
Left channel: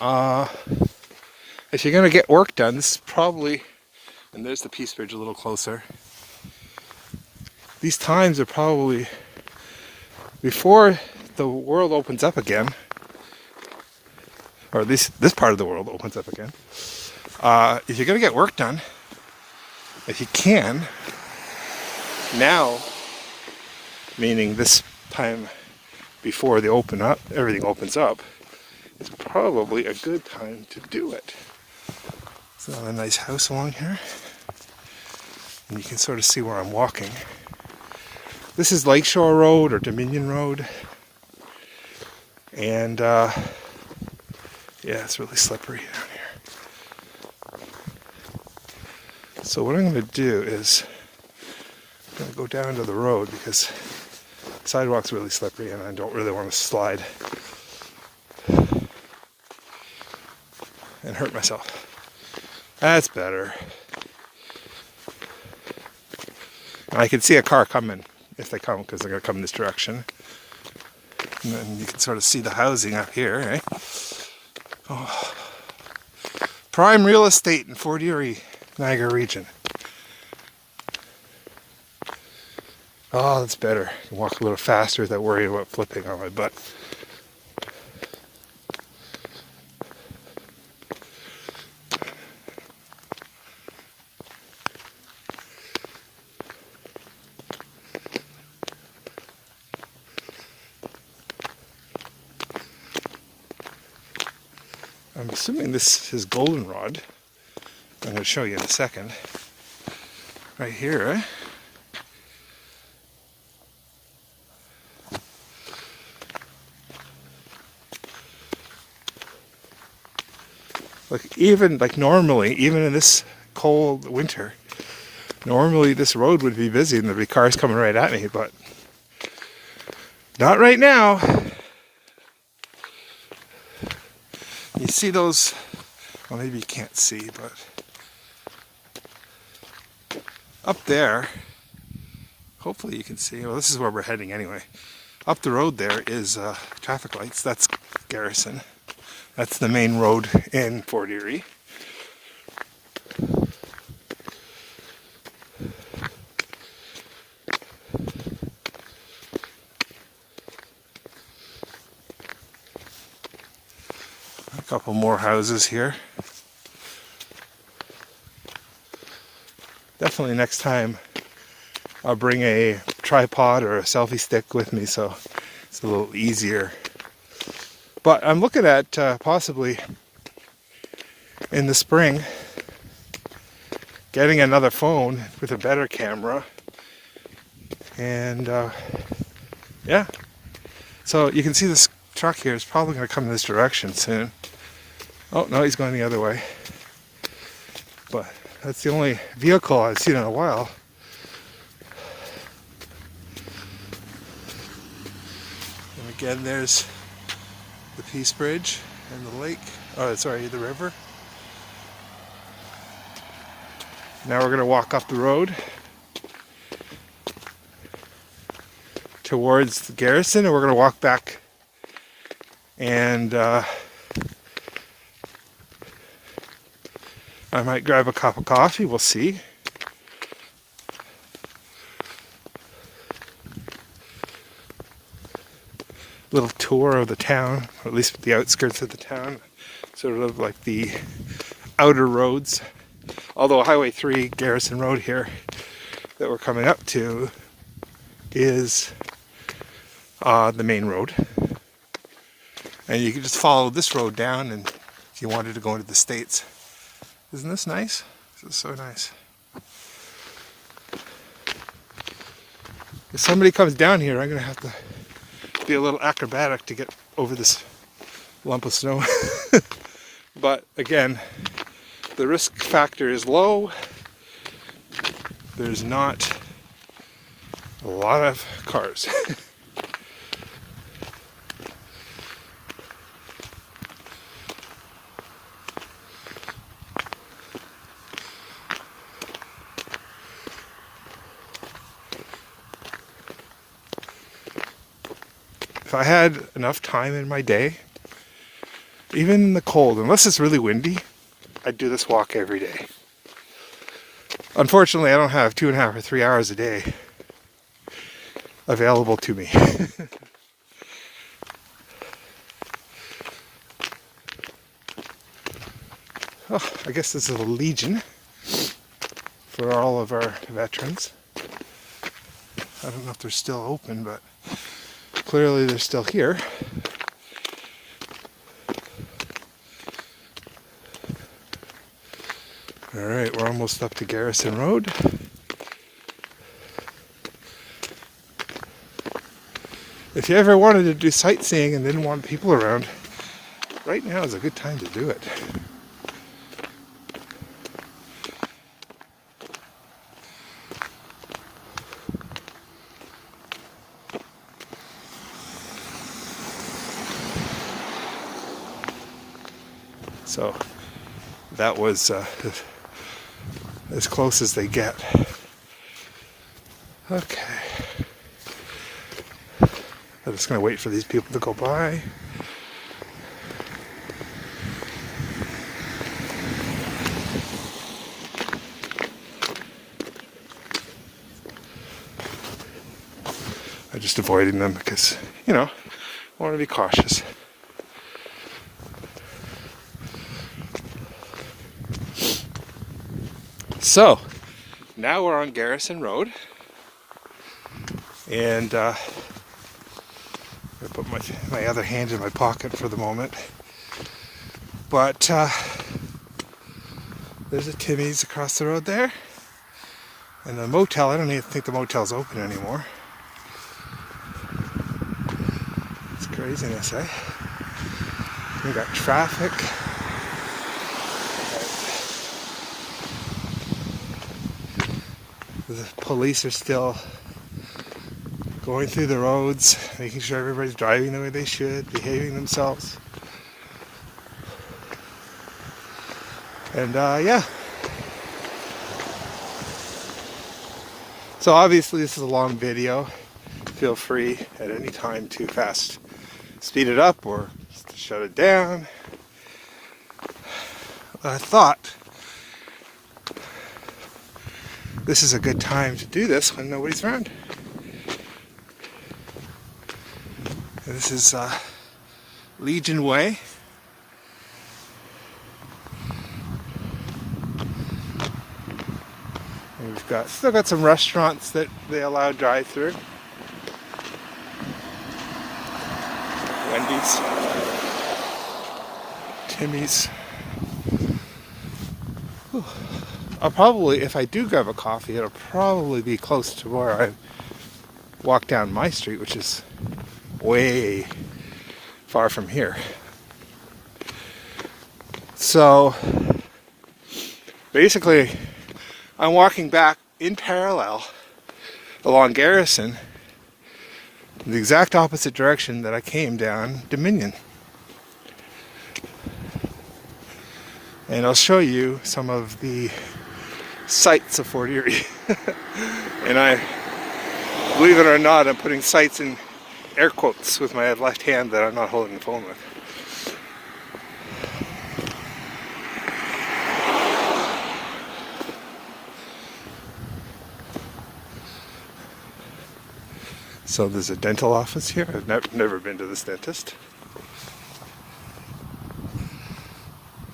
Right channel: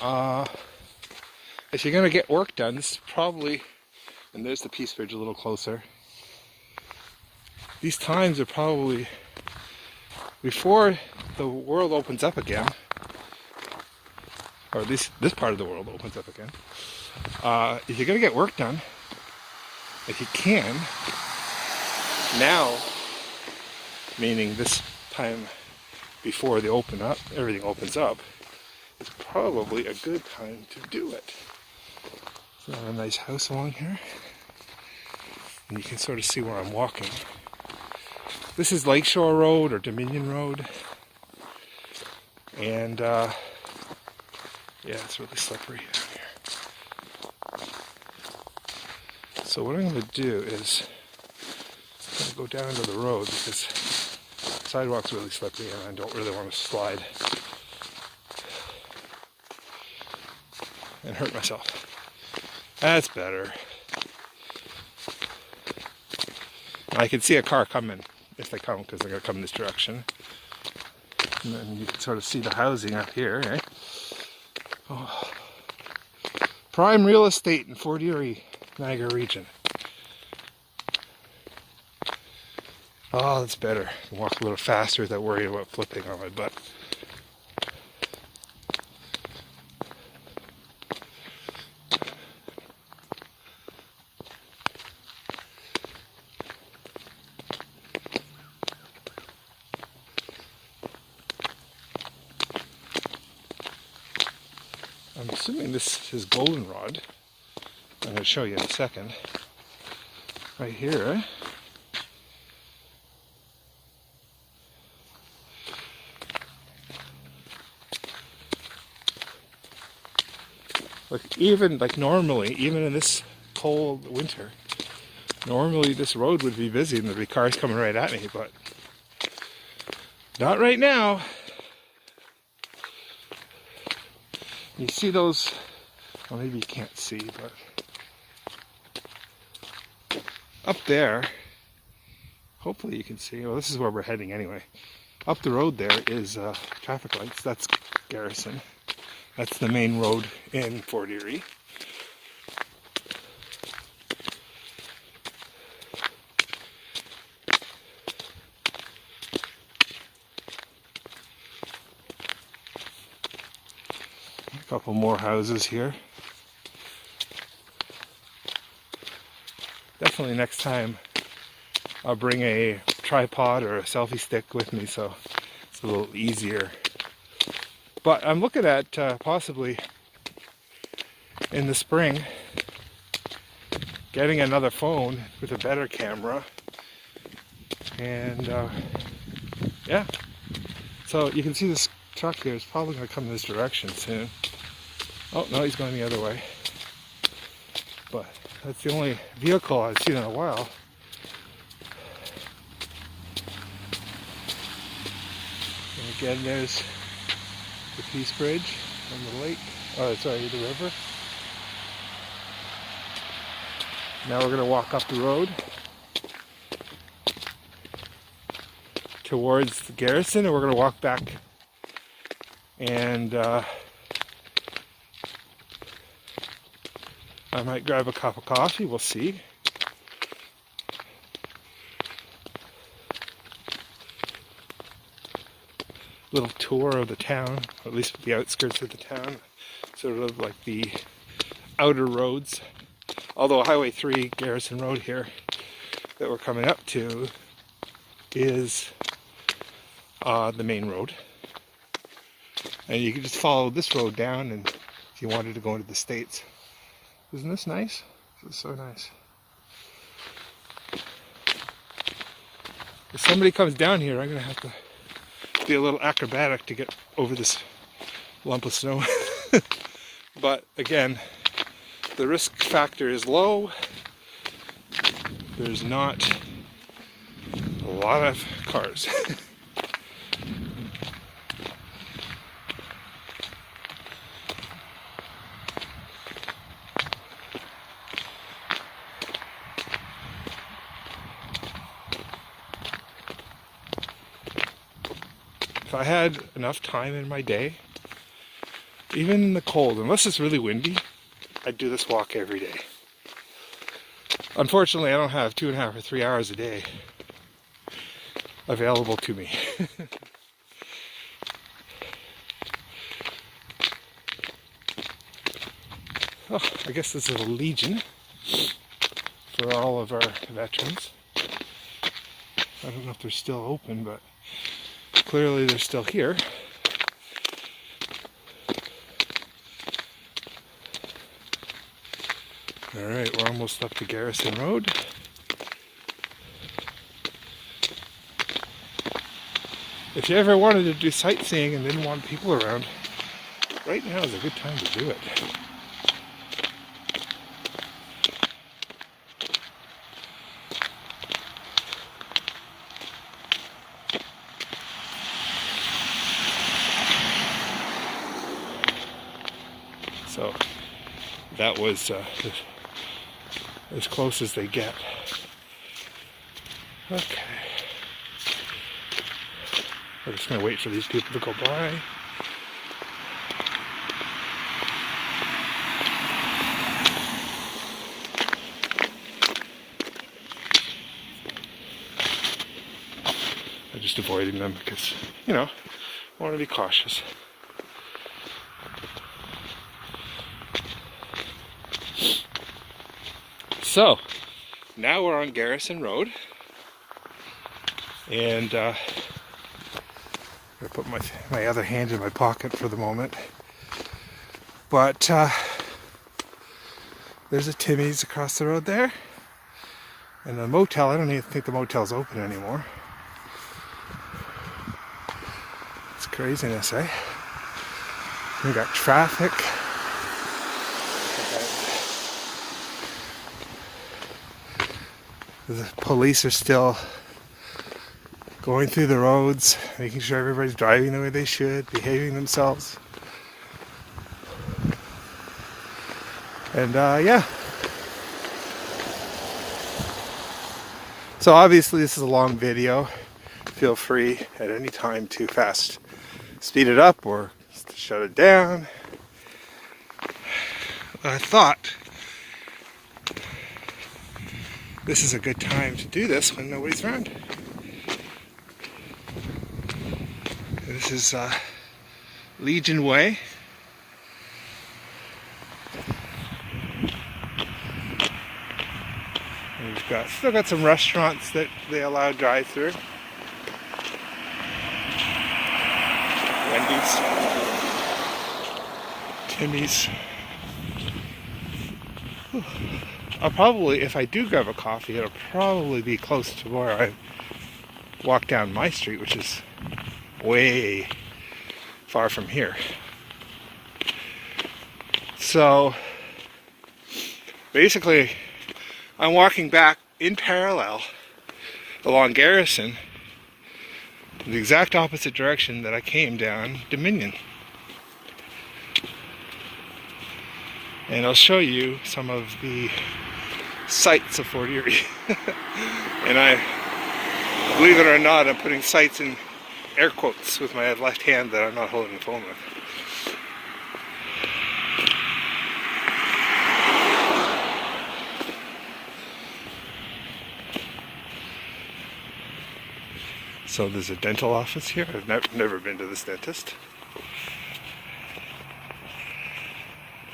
if you're going to get work done, this is probably, and there's the Peace Bridge a little closer, these times are probably before the world opens up again, or at least this part of the world opens up again. If you're going to get work done, if you can, now, meaning this time before they open up, everything opens up, it's probably a good time to do it. So a nice house along here, and you can sort of see where I'm walking. This is Lakeshore Road or Dominion Road, and yeah, it's really slippery down here. So what I'm going to do is I'm going to go down to the road because the sidewalk's really slippery and I don't really want to slide and hurt myself. That's better. And I can see a car coming, if they come, because they're going to come this direction. And then you can sort of see the housing up here, eh? Oh. Prime real estate in Fort Erie, Niagara region. Oh, that's better. I can walk a little faster without worrying about flipping on my butt. I'm assuming this is goldenrod. I'm going to show you in a second. Right here, eh? Like normally, even in this cold winter, normally this road would be busy and there'd be cars coming right at me, but Not right now. You see those, well, maybe you can't see, but up there, hopefully you can see, well, this is where we're heading anyway. Up the road there is traffic lights. That's Garrison. That's the main road in Fort Erie. A couple more houses here. Definitely next time I'll bring a tripod or a selfie stick with me so it's a little easier. But I'm looking at possibly in the spring getting another phone with a better camera. And yeah, so you can see this truck here is probably going to come this direction soon. Oh no, he's going the other way. But that's the only vehicle I've seen in a while. And again, there's the Peace Bridge and the lake. Oh, sorry, the river. Now we're going to walk up the road towards the Garrison, and we're going to walk back and I might grab a cup of coffee, we'll see. Little tour of the town, or at least the outskirts of the town, sort of like the outer roads. Although Highway 3, Garrison Road here, that we're coming up to, is the main road. And you can just follow this road down and if you wanted to go into the States. Isn't this nice? This is so nice. If somebody comes down here, I'm going to have to be a little acrobatic to get over this lump of snow. But again, the risk factor is low. There's not a lot of cars. If I had enough time in my day, even in the cold, unless it's really windy, I'd do this walk every day. Unfortunately, I don't have 2.5 or 3 hours a day available to me. Oh, I guess this is a Legion for all of our veterans. I don't know if they're still open, but clearly they're still here. Alright, we're almost up to Garrison Road. If you ever wanted to do sightseeing and didn't want people around, right now is a good time to do it. So that was as close as they get. Okay. I'm just going to wait for these people to go by. I'm just avoiding them because, you know, I want to be cautious. So, now we're on Garrison Road, and I'm going to put my other hand in my pocket for the moment, but there's a Timmy's across the road there, and the motel, I don't even think the motel's open anymore. It's craziness, eh? We got traffic. The police are still going through the roads, making sure everybody's driving the way they should, behaving themselves. And yeah. So obviously this is a long video. Feel free at any time to fast speed it up or shut it down. I thought this is a good time to do this when nobody's around. This is Legion Way. And we've still got some restaurants that they allow drive-through. Wendy's, Timmy's. I'll probably, if I do grab a coffee, it'll probably be close to where I walk down my street, which is way far from here. So basically, I'm walking back in parallel along Garrison in the exact opposite direction that I came down Dominion. And I'll show you some of the sights of Fort Erie. And I, believe it or not, I'm putting sights in air quotes with my left hand that I'm not holding the phone with. So there's a dental office here. I've never been to this dentist.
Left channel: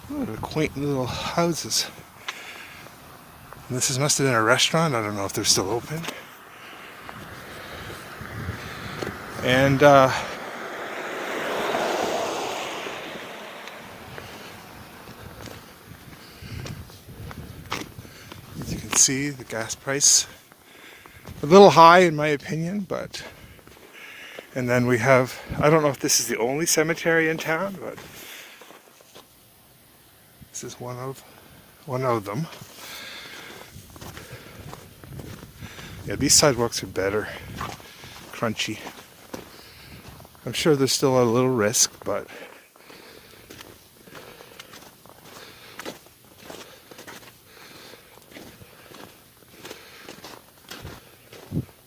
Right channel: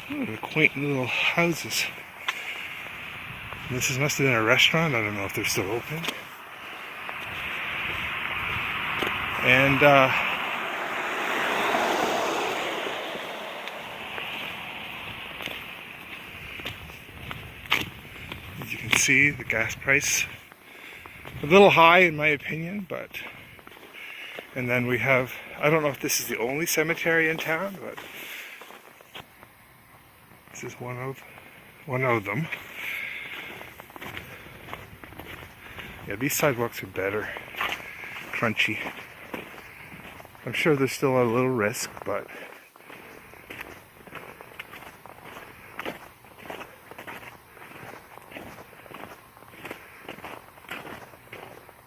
What a quaint little houses. Must have been a restaurant. I don't know if they're still open. And as you can see, the gas price a little high in my opinion, but and then we have, I don't know if this is the only cemetery in town, but this is one of them. Yeah, these sidewalks are better, crunchy. I'm sure there's still a little risk, but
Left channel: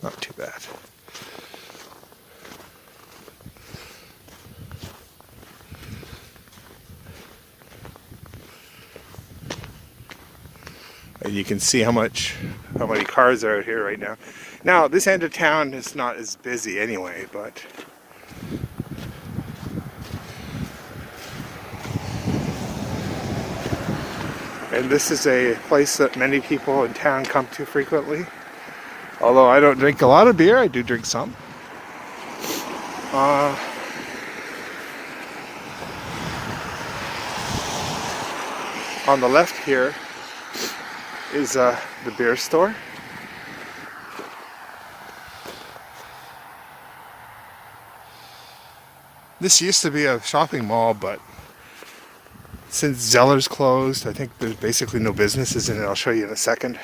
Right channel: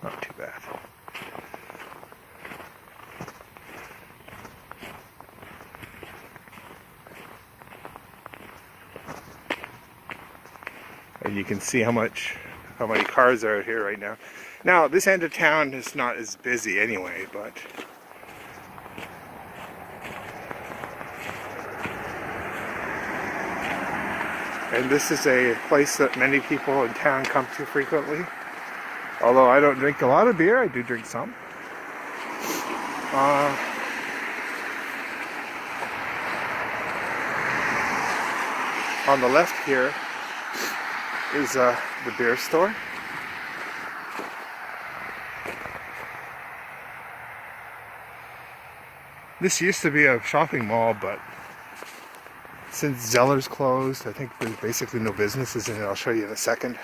not too bad. And you can see how many cars are out here right now. Now, this end of town is not as busy anyway, but and this is a place that many people in town come to frequently. Although I don't drink a lot of beer, I do drink some. On the left here is the beer store. This used to be a shopping mall, but since Zeller's closed, I think there's basically no businesses in it. I'll show you in a second.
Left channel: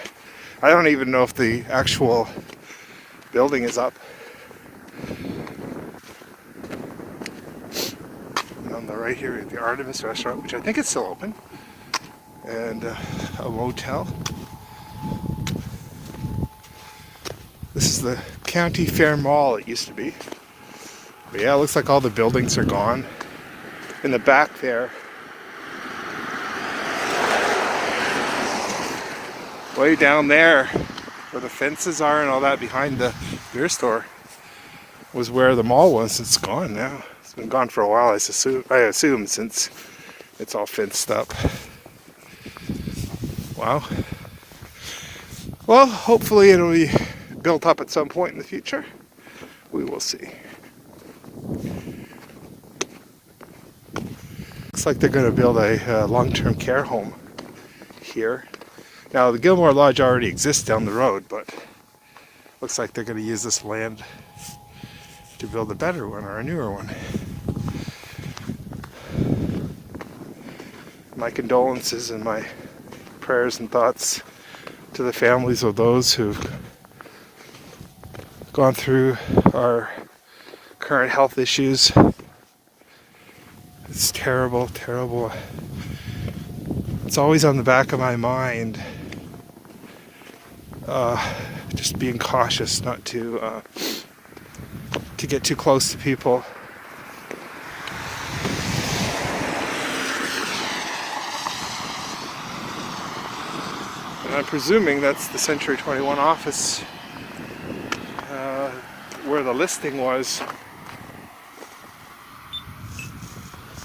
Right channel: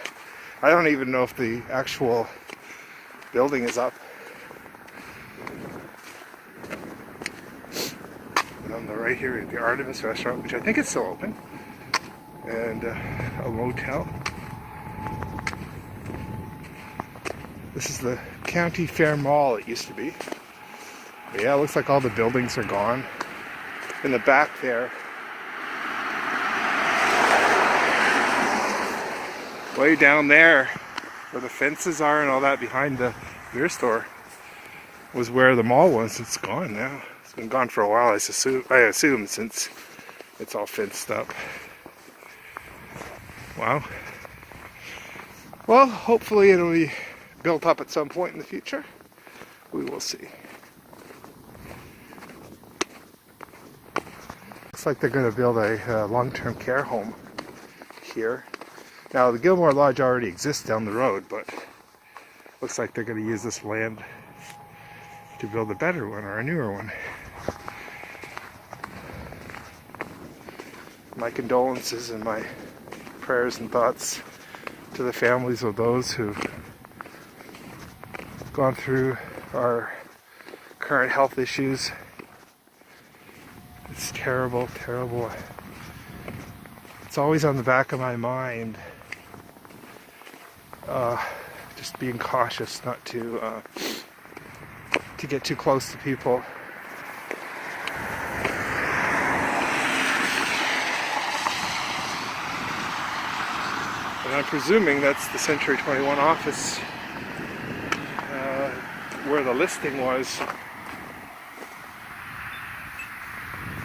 I don't even know if the actual building is up. And on the right here is the Artemis restaurant, which I think is still open, and a motel. This is the County Fair Mall, it used to be. But yeah, it looks like all the buildings are gone. In the back there, way down there, where the fences are and all that behind the beer store, was where the mall was. It's gone now. It's been gone for a while, I assume, since it's all fenced up. Wow. Well, hopefully it'll be built up at some point in the future. We will see. Looks like they're going to build a long-term care home here. Now, the Gilmore Lodge already exists down the road, but looks like they're going to use this land to build a better one or a newer one. My condolences and my prayers and thoughts to the families of those who've gone through our current health issues. It's terrible, terrible. It's always on the back of my mind. Just being cautious not to get too close to people. And I'm presuming that's the Century 21 office where the listing was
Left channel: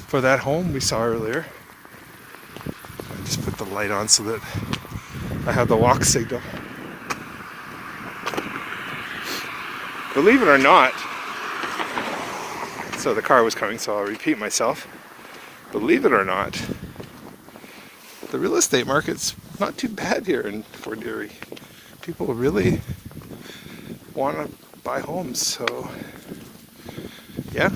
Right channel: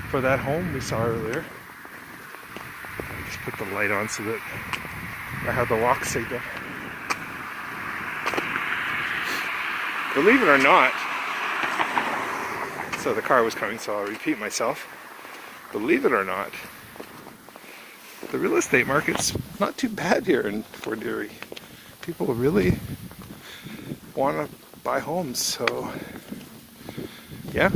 for that home we saw earlier. I just put the light on so that I have the walk signal. Believe it or not, so the car was coming, so I'll repeat myself. Believe it or not, the real estate market's not too bad here in Fort Erie. People really want to buy homes, so yeah.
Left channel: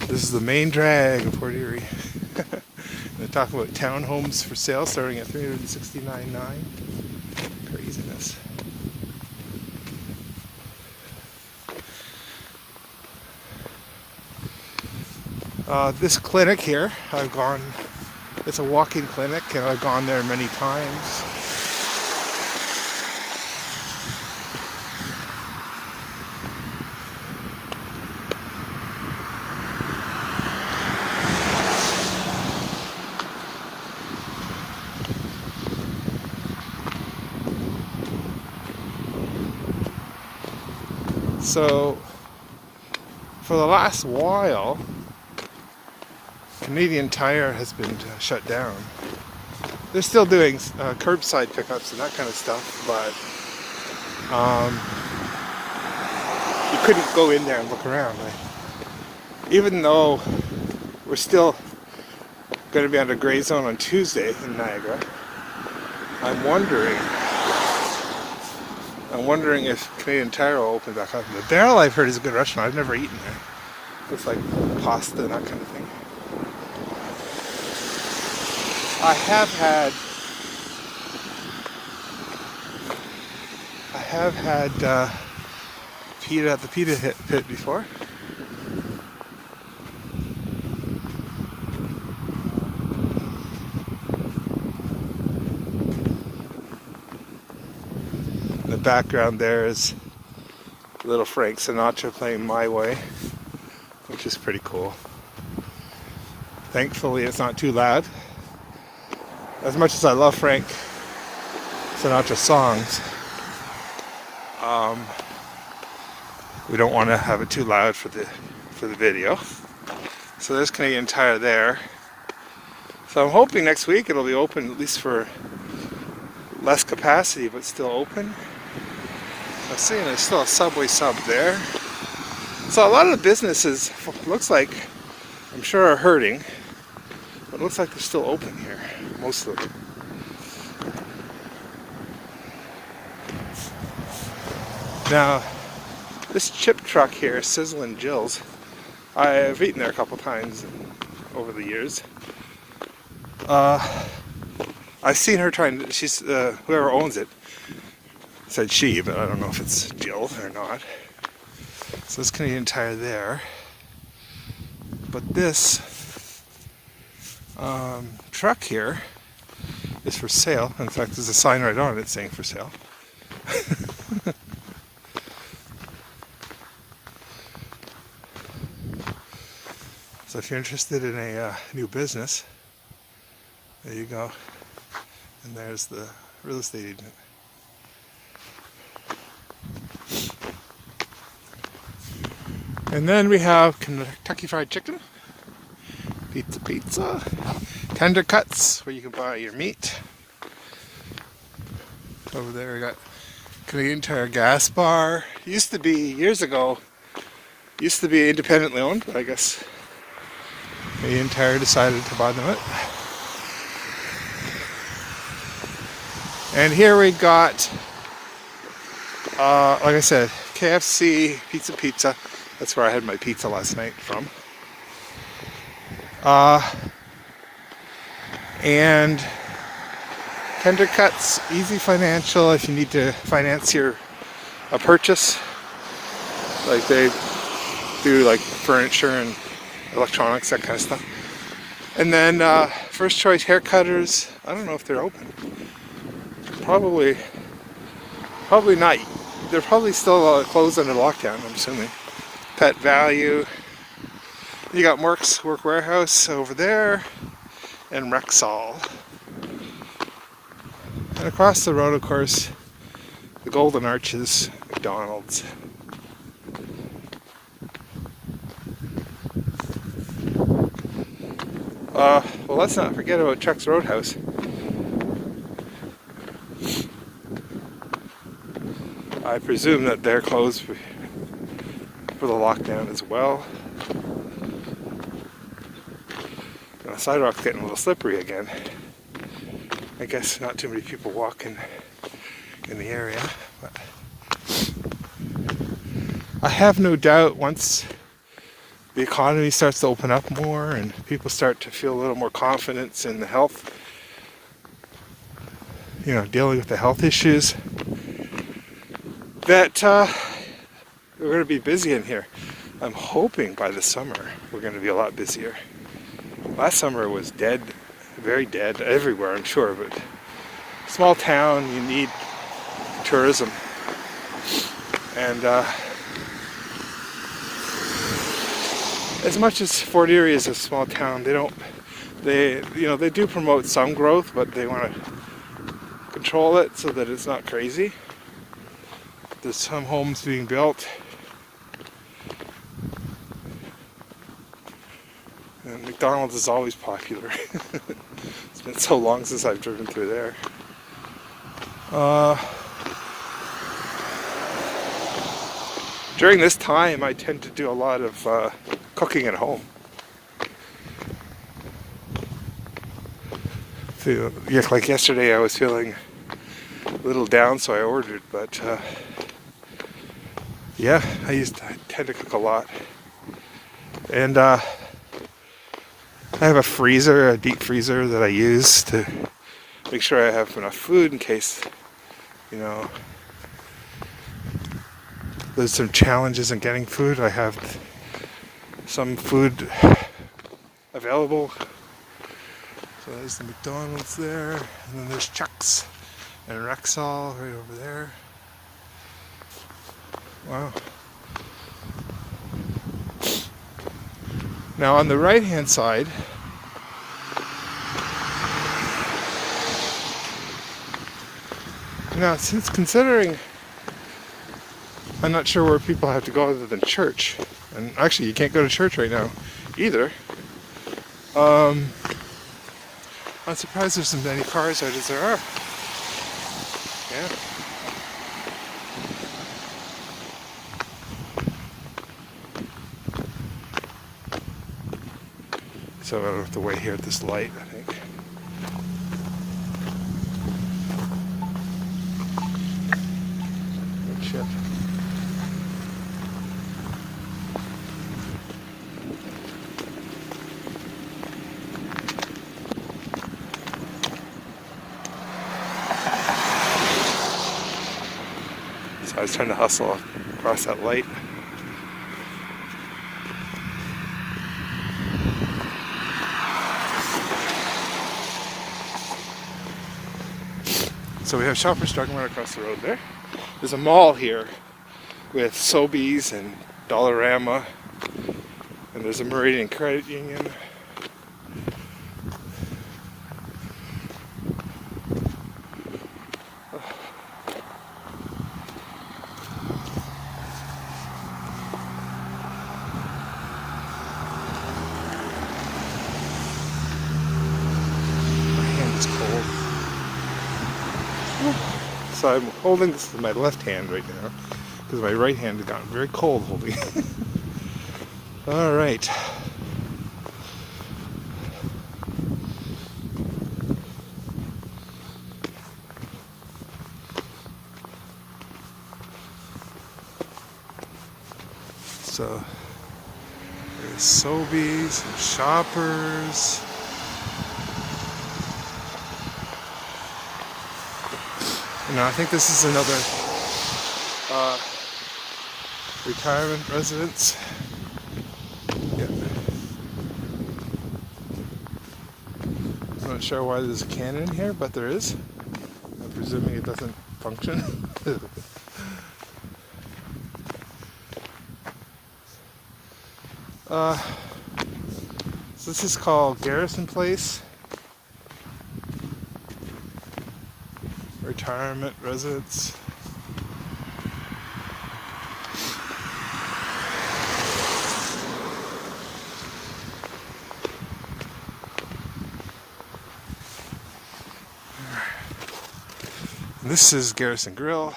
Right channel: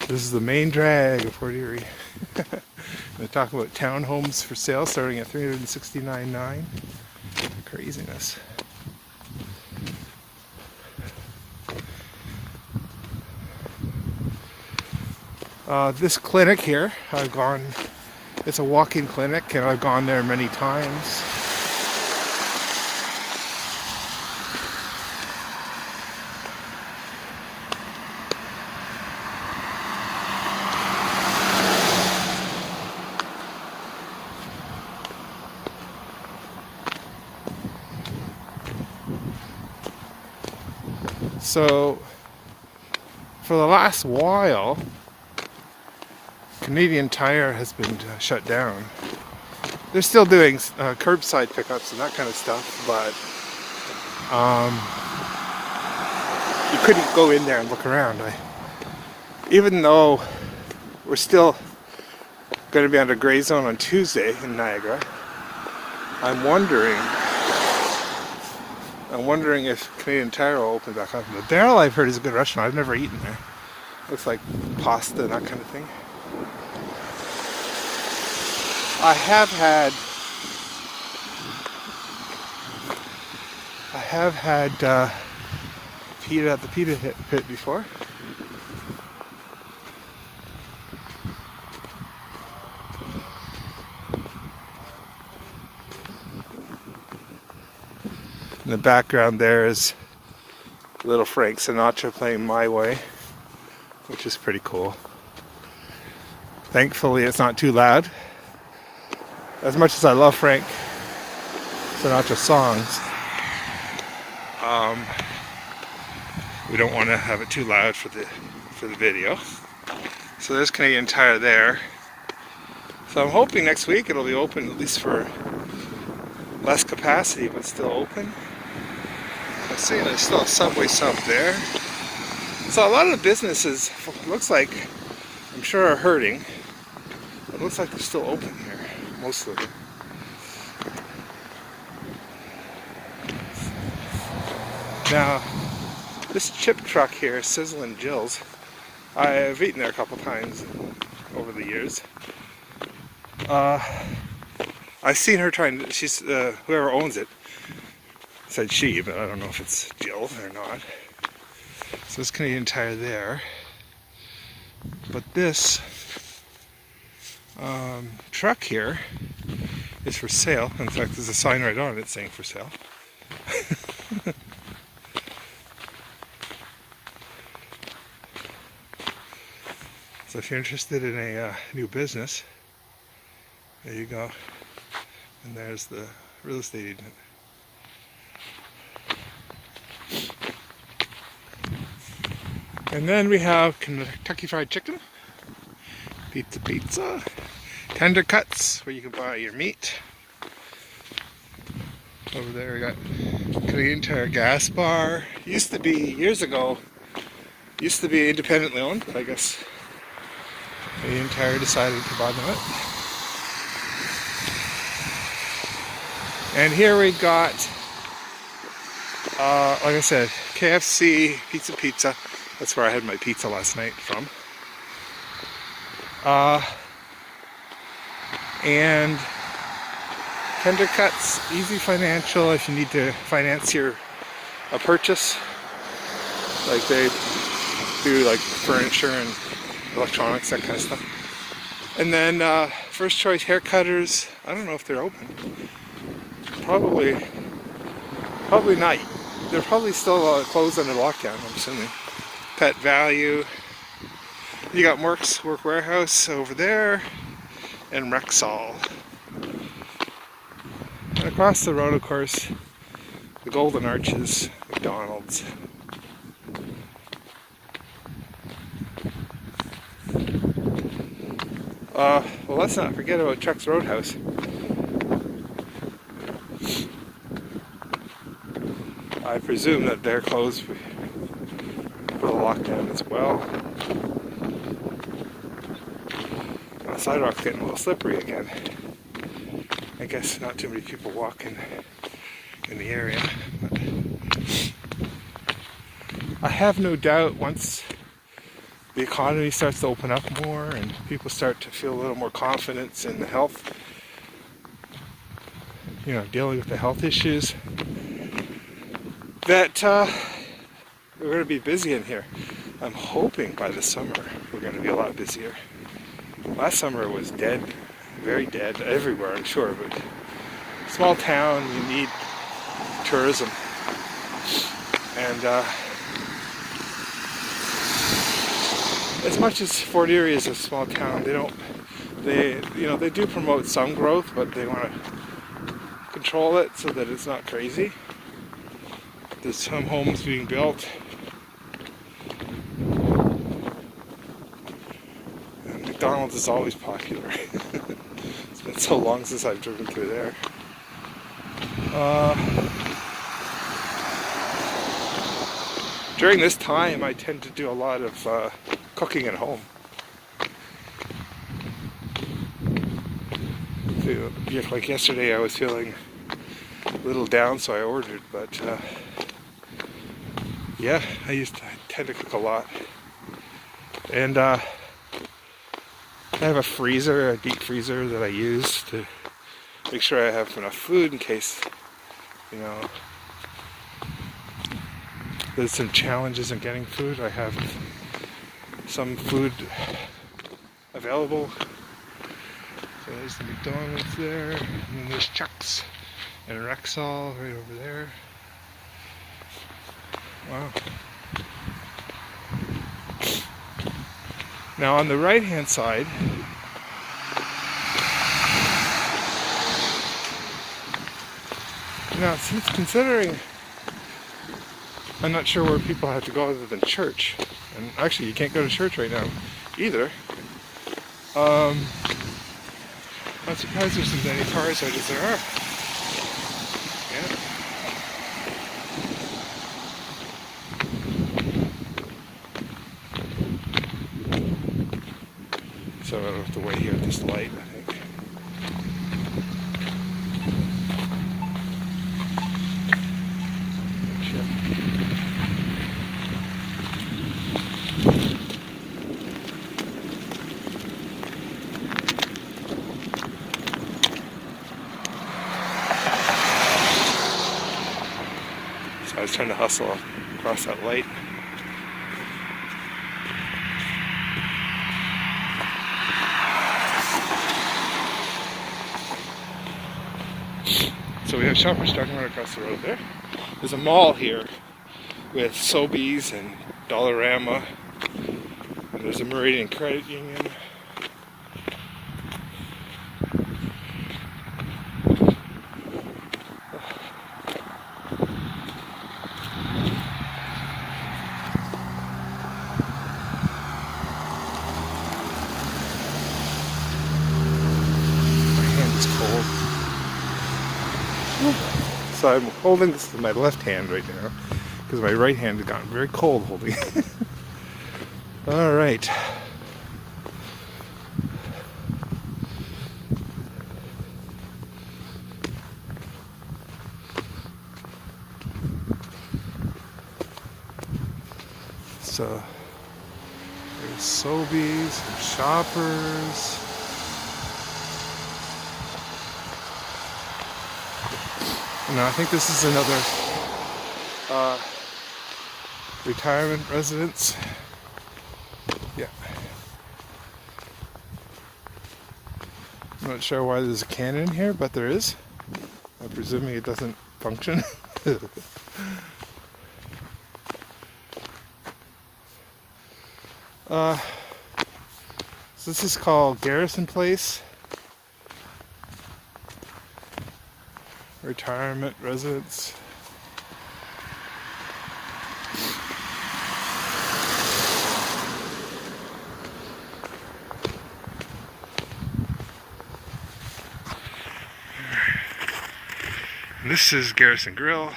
This is the main drag of Fort Erie. They talk about townhomes for sale starting at $369,900. Craziness. This clinic here, I've gone, it's a walk-in clinic and I've gone there many times. So, for the last while, Canadian Tire has been shut down. They're still doing curbside pickups and that kind of stuff, but you couldn't go in there and look around. Even though we're still going to be under gray zone on Tuesday in Niagara, I'm wondering if Canadian Tire will open back up. The Barrel, I've heard, is a good restaurant. I've never eaten there. Looks like pasta and that kind of thing. I have had pita at the pita pit before. In the background there is little Frank Sinatra playing My Way, which is pretty cool. Thankfully it's not too loud. As much as I love Frank Sinatra songs, we don't want to have it too loud for the video. So there's Canadian Tire there. So I'm hoping next week it'll be open, at least for less capacity, but still open. I'm seeing there's still a Subway sub there. So a lot of the businesses, looks like, I'm sure, are hurting. It looks like they're still open here, mostly. Now, this chip truck here, Sizzlin' Jill's, I've eaten there a couple times over the years. I've seen her trying, she's, whoever owns it, said she, but I don't know if it's Jill or not. So there's Canadian Tire there. But this truck here is for sale. In fact, there's a sign right on it saying for sale. So if you're interested in a new business, there you go. And there's the real estate agent. And then we have Kentucky Fried Chicken, Pizza, Tender Cuts, where you can buy your meat. Over there we got Canadian Tire Gas Bar. Used to be, years ago, used to be independently owned, but I guess Canadian Tire decided to buy them out. And here we got, like I said, KFC, Pizza. That's where I had my pizza last night from. And Tender Cuts, easy financial if you need to finance a purchase. Like they do like furniture and electronics, that kind of stuff. And then First Choice Hair Cutters, I don't know if they're open. Probably not. They're probably still closed under lockdown, I'm assuming. Pet Value. You got Merck's Work Warehouse over there, and Rexall. And across the road, of course, the Golden Arches, McDonald's. Well, let's not forget about Chuck's Roadhouse. I presume that they're closed for the lockdown as well. The sidewalk's getting a little slippery again. I guess not too many people walking in the area. But I have no doubt once the economy starts to open up more and people start to feel a little more confidence in the health, dealing with the health issues, that we're going to be busy in here. I'm hoping by the summer we're going to be a lot busier. Last summer was dead, very dead, everywhere I'm sure, but small town, you need tourism. And as much as Fort Erie is a small town, they do promote some growth, but they want to control it so that it's not crazy. There's some homes being built. And McDonald's is always popular. It's been so long since I've driven through there. During this time, I tend to do a lot of cooking at home. So, like yesterday, I was feeling a little down, so I ordered. But yeah, I tend to cook a lot, and I have a deep freezer that I use to make sure I have enough food in case, there's some challenges in getting food. I have some food available. So there's the McDonald's there, and then there's Chuck's and Rexall right over there. Wow. Now on the right hand side, since considering I'm not sure where people have to go other than church. And actually, you can't go to church right now either. I'm surprised there's so many cars out as there are. Yeah. So I'll have to wait here at this light, I think. Sure. So I was trying to hustle across that light. So we have Shoppers Drug Mart across the road there. There's a mall here with Sobeys and Dollarama, and there's a Meridian Credit Union. My hand is cold. So I'm holding this with my left hand right now because my right hand has gotten very cold holding it. All right. So there's Sobeys and Shoppers. And I think this is another retirement residence. Yeah. I'm not sure why there's a cannon in here, but there is. I'm presuming it doesn't function. So this is called Garrison Place. Retirement residence. And this is Garrison Grill.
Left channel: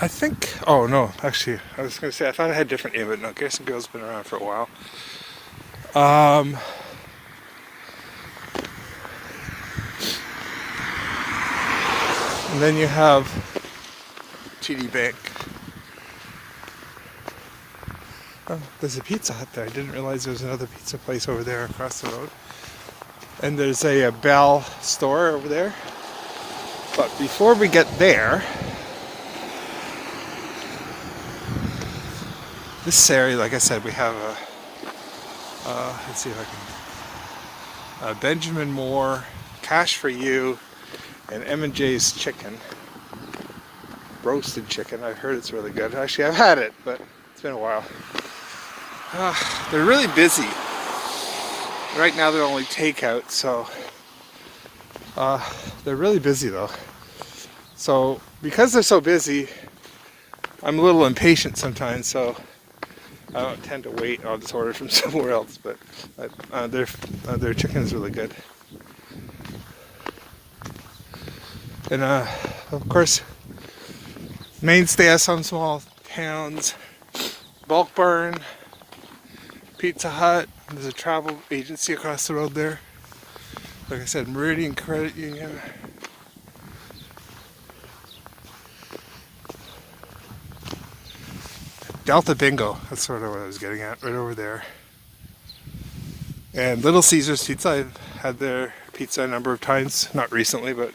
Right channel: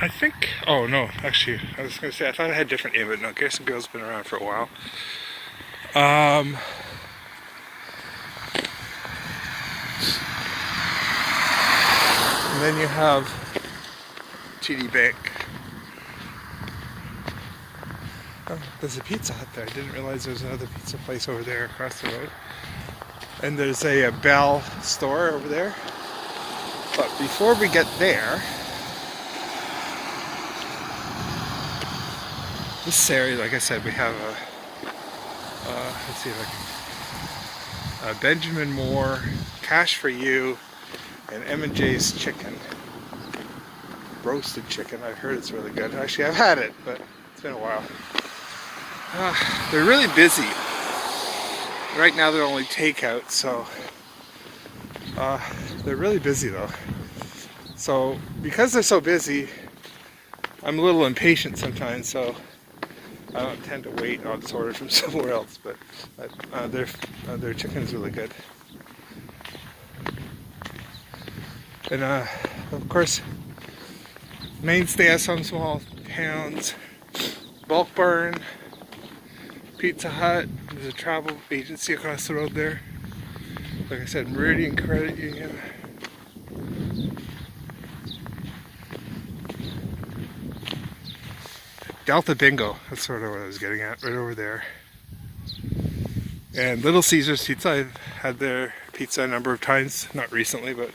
I think, oh no, actually, I was going to say, I thought it had a different name, but no, Garrison Grill's been around for a while. And then you have TD Bank. Oh, there's a Pizza Hut there. I didn't realize there was another pizza place over there across the road. And there's a Bell store over there. But before we get there, this area, like I said, we have let's see if I can, Benjamin Moore, Cash for You, and M&J's Chicken. Roasted chicken. I've heard it's really good. Actually, I've had it, but it's been a while. They're really busy. Right now they're only takeout, so they're really busy though. So because they're so busy, I'm a little impatient sometimes, so I don't tend to wait. I'll just order from somewhere else, but their chicken is really good. And of course, mainstay of some small towns, Bulk Barn, Pizza Hut. There's a travel agency across the road there. Like I said, Meridian Credit Union. Delta Bingo, that's sort of what I was getting at, right over there. And Little Caesars Pizza, I've had their pizza a number of times, not recently, but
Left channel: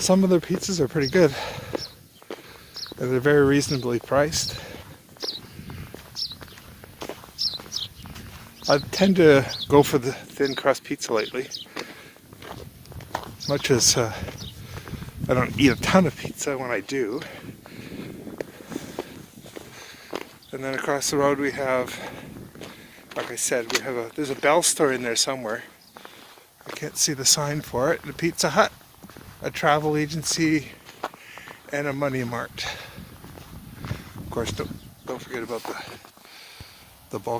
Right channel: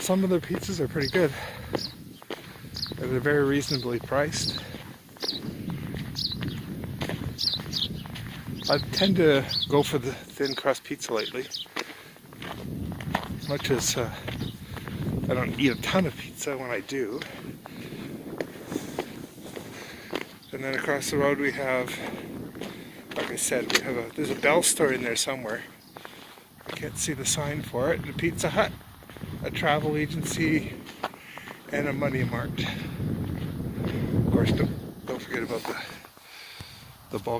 some of their pizzas are pretty good. And they're very reasonably priced. I tend to go for the thin crust pizza lately. Much as I don't eat a ton of pizza when I do. And then across the road we have, like I said, there's a Bell store in there somewhere. I can't see the sign for it. And a Pizza Hut, a travel agency, and a Money Mart. Of course, don't forget about the bulk.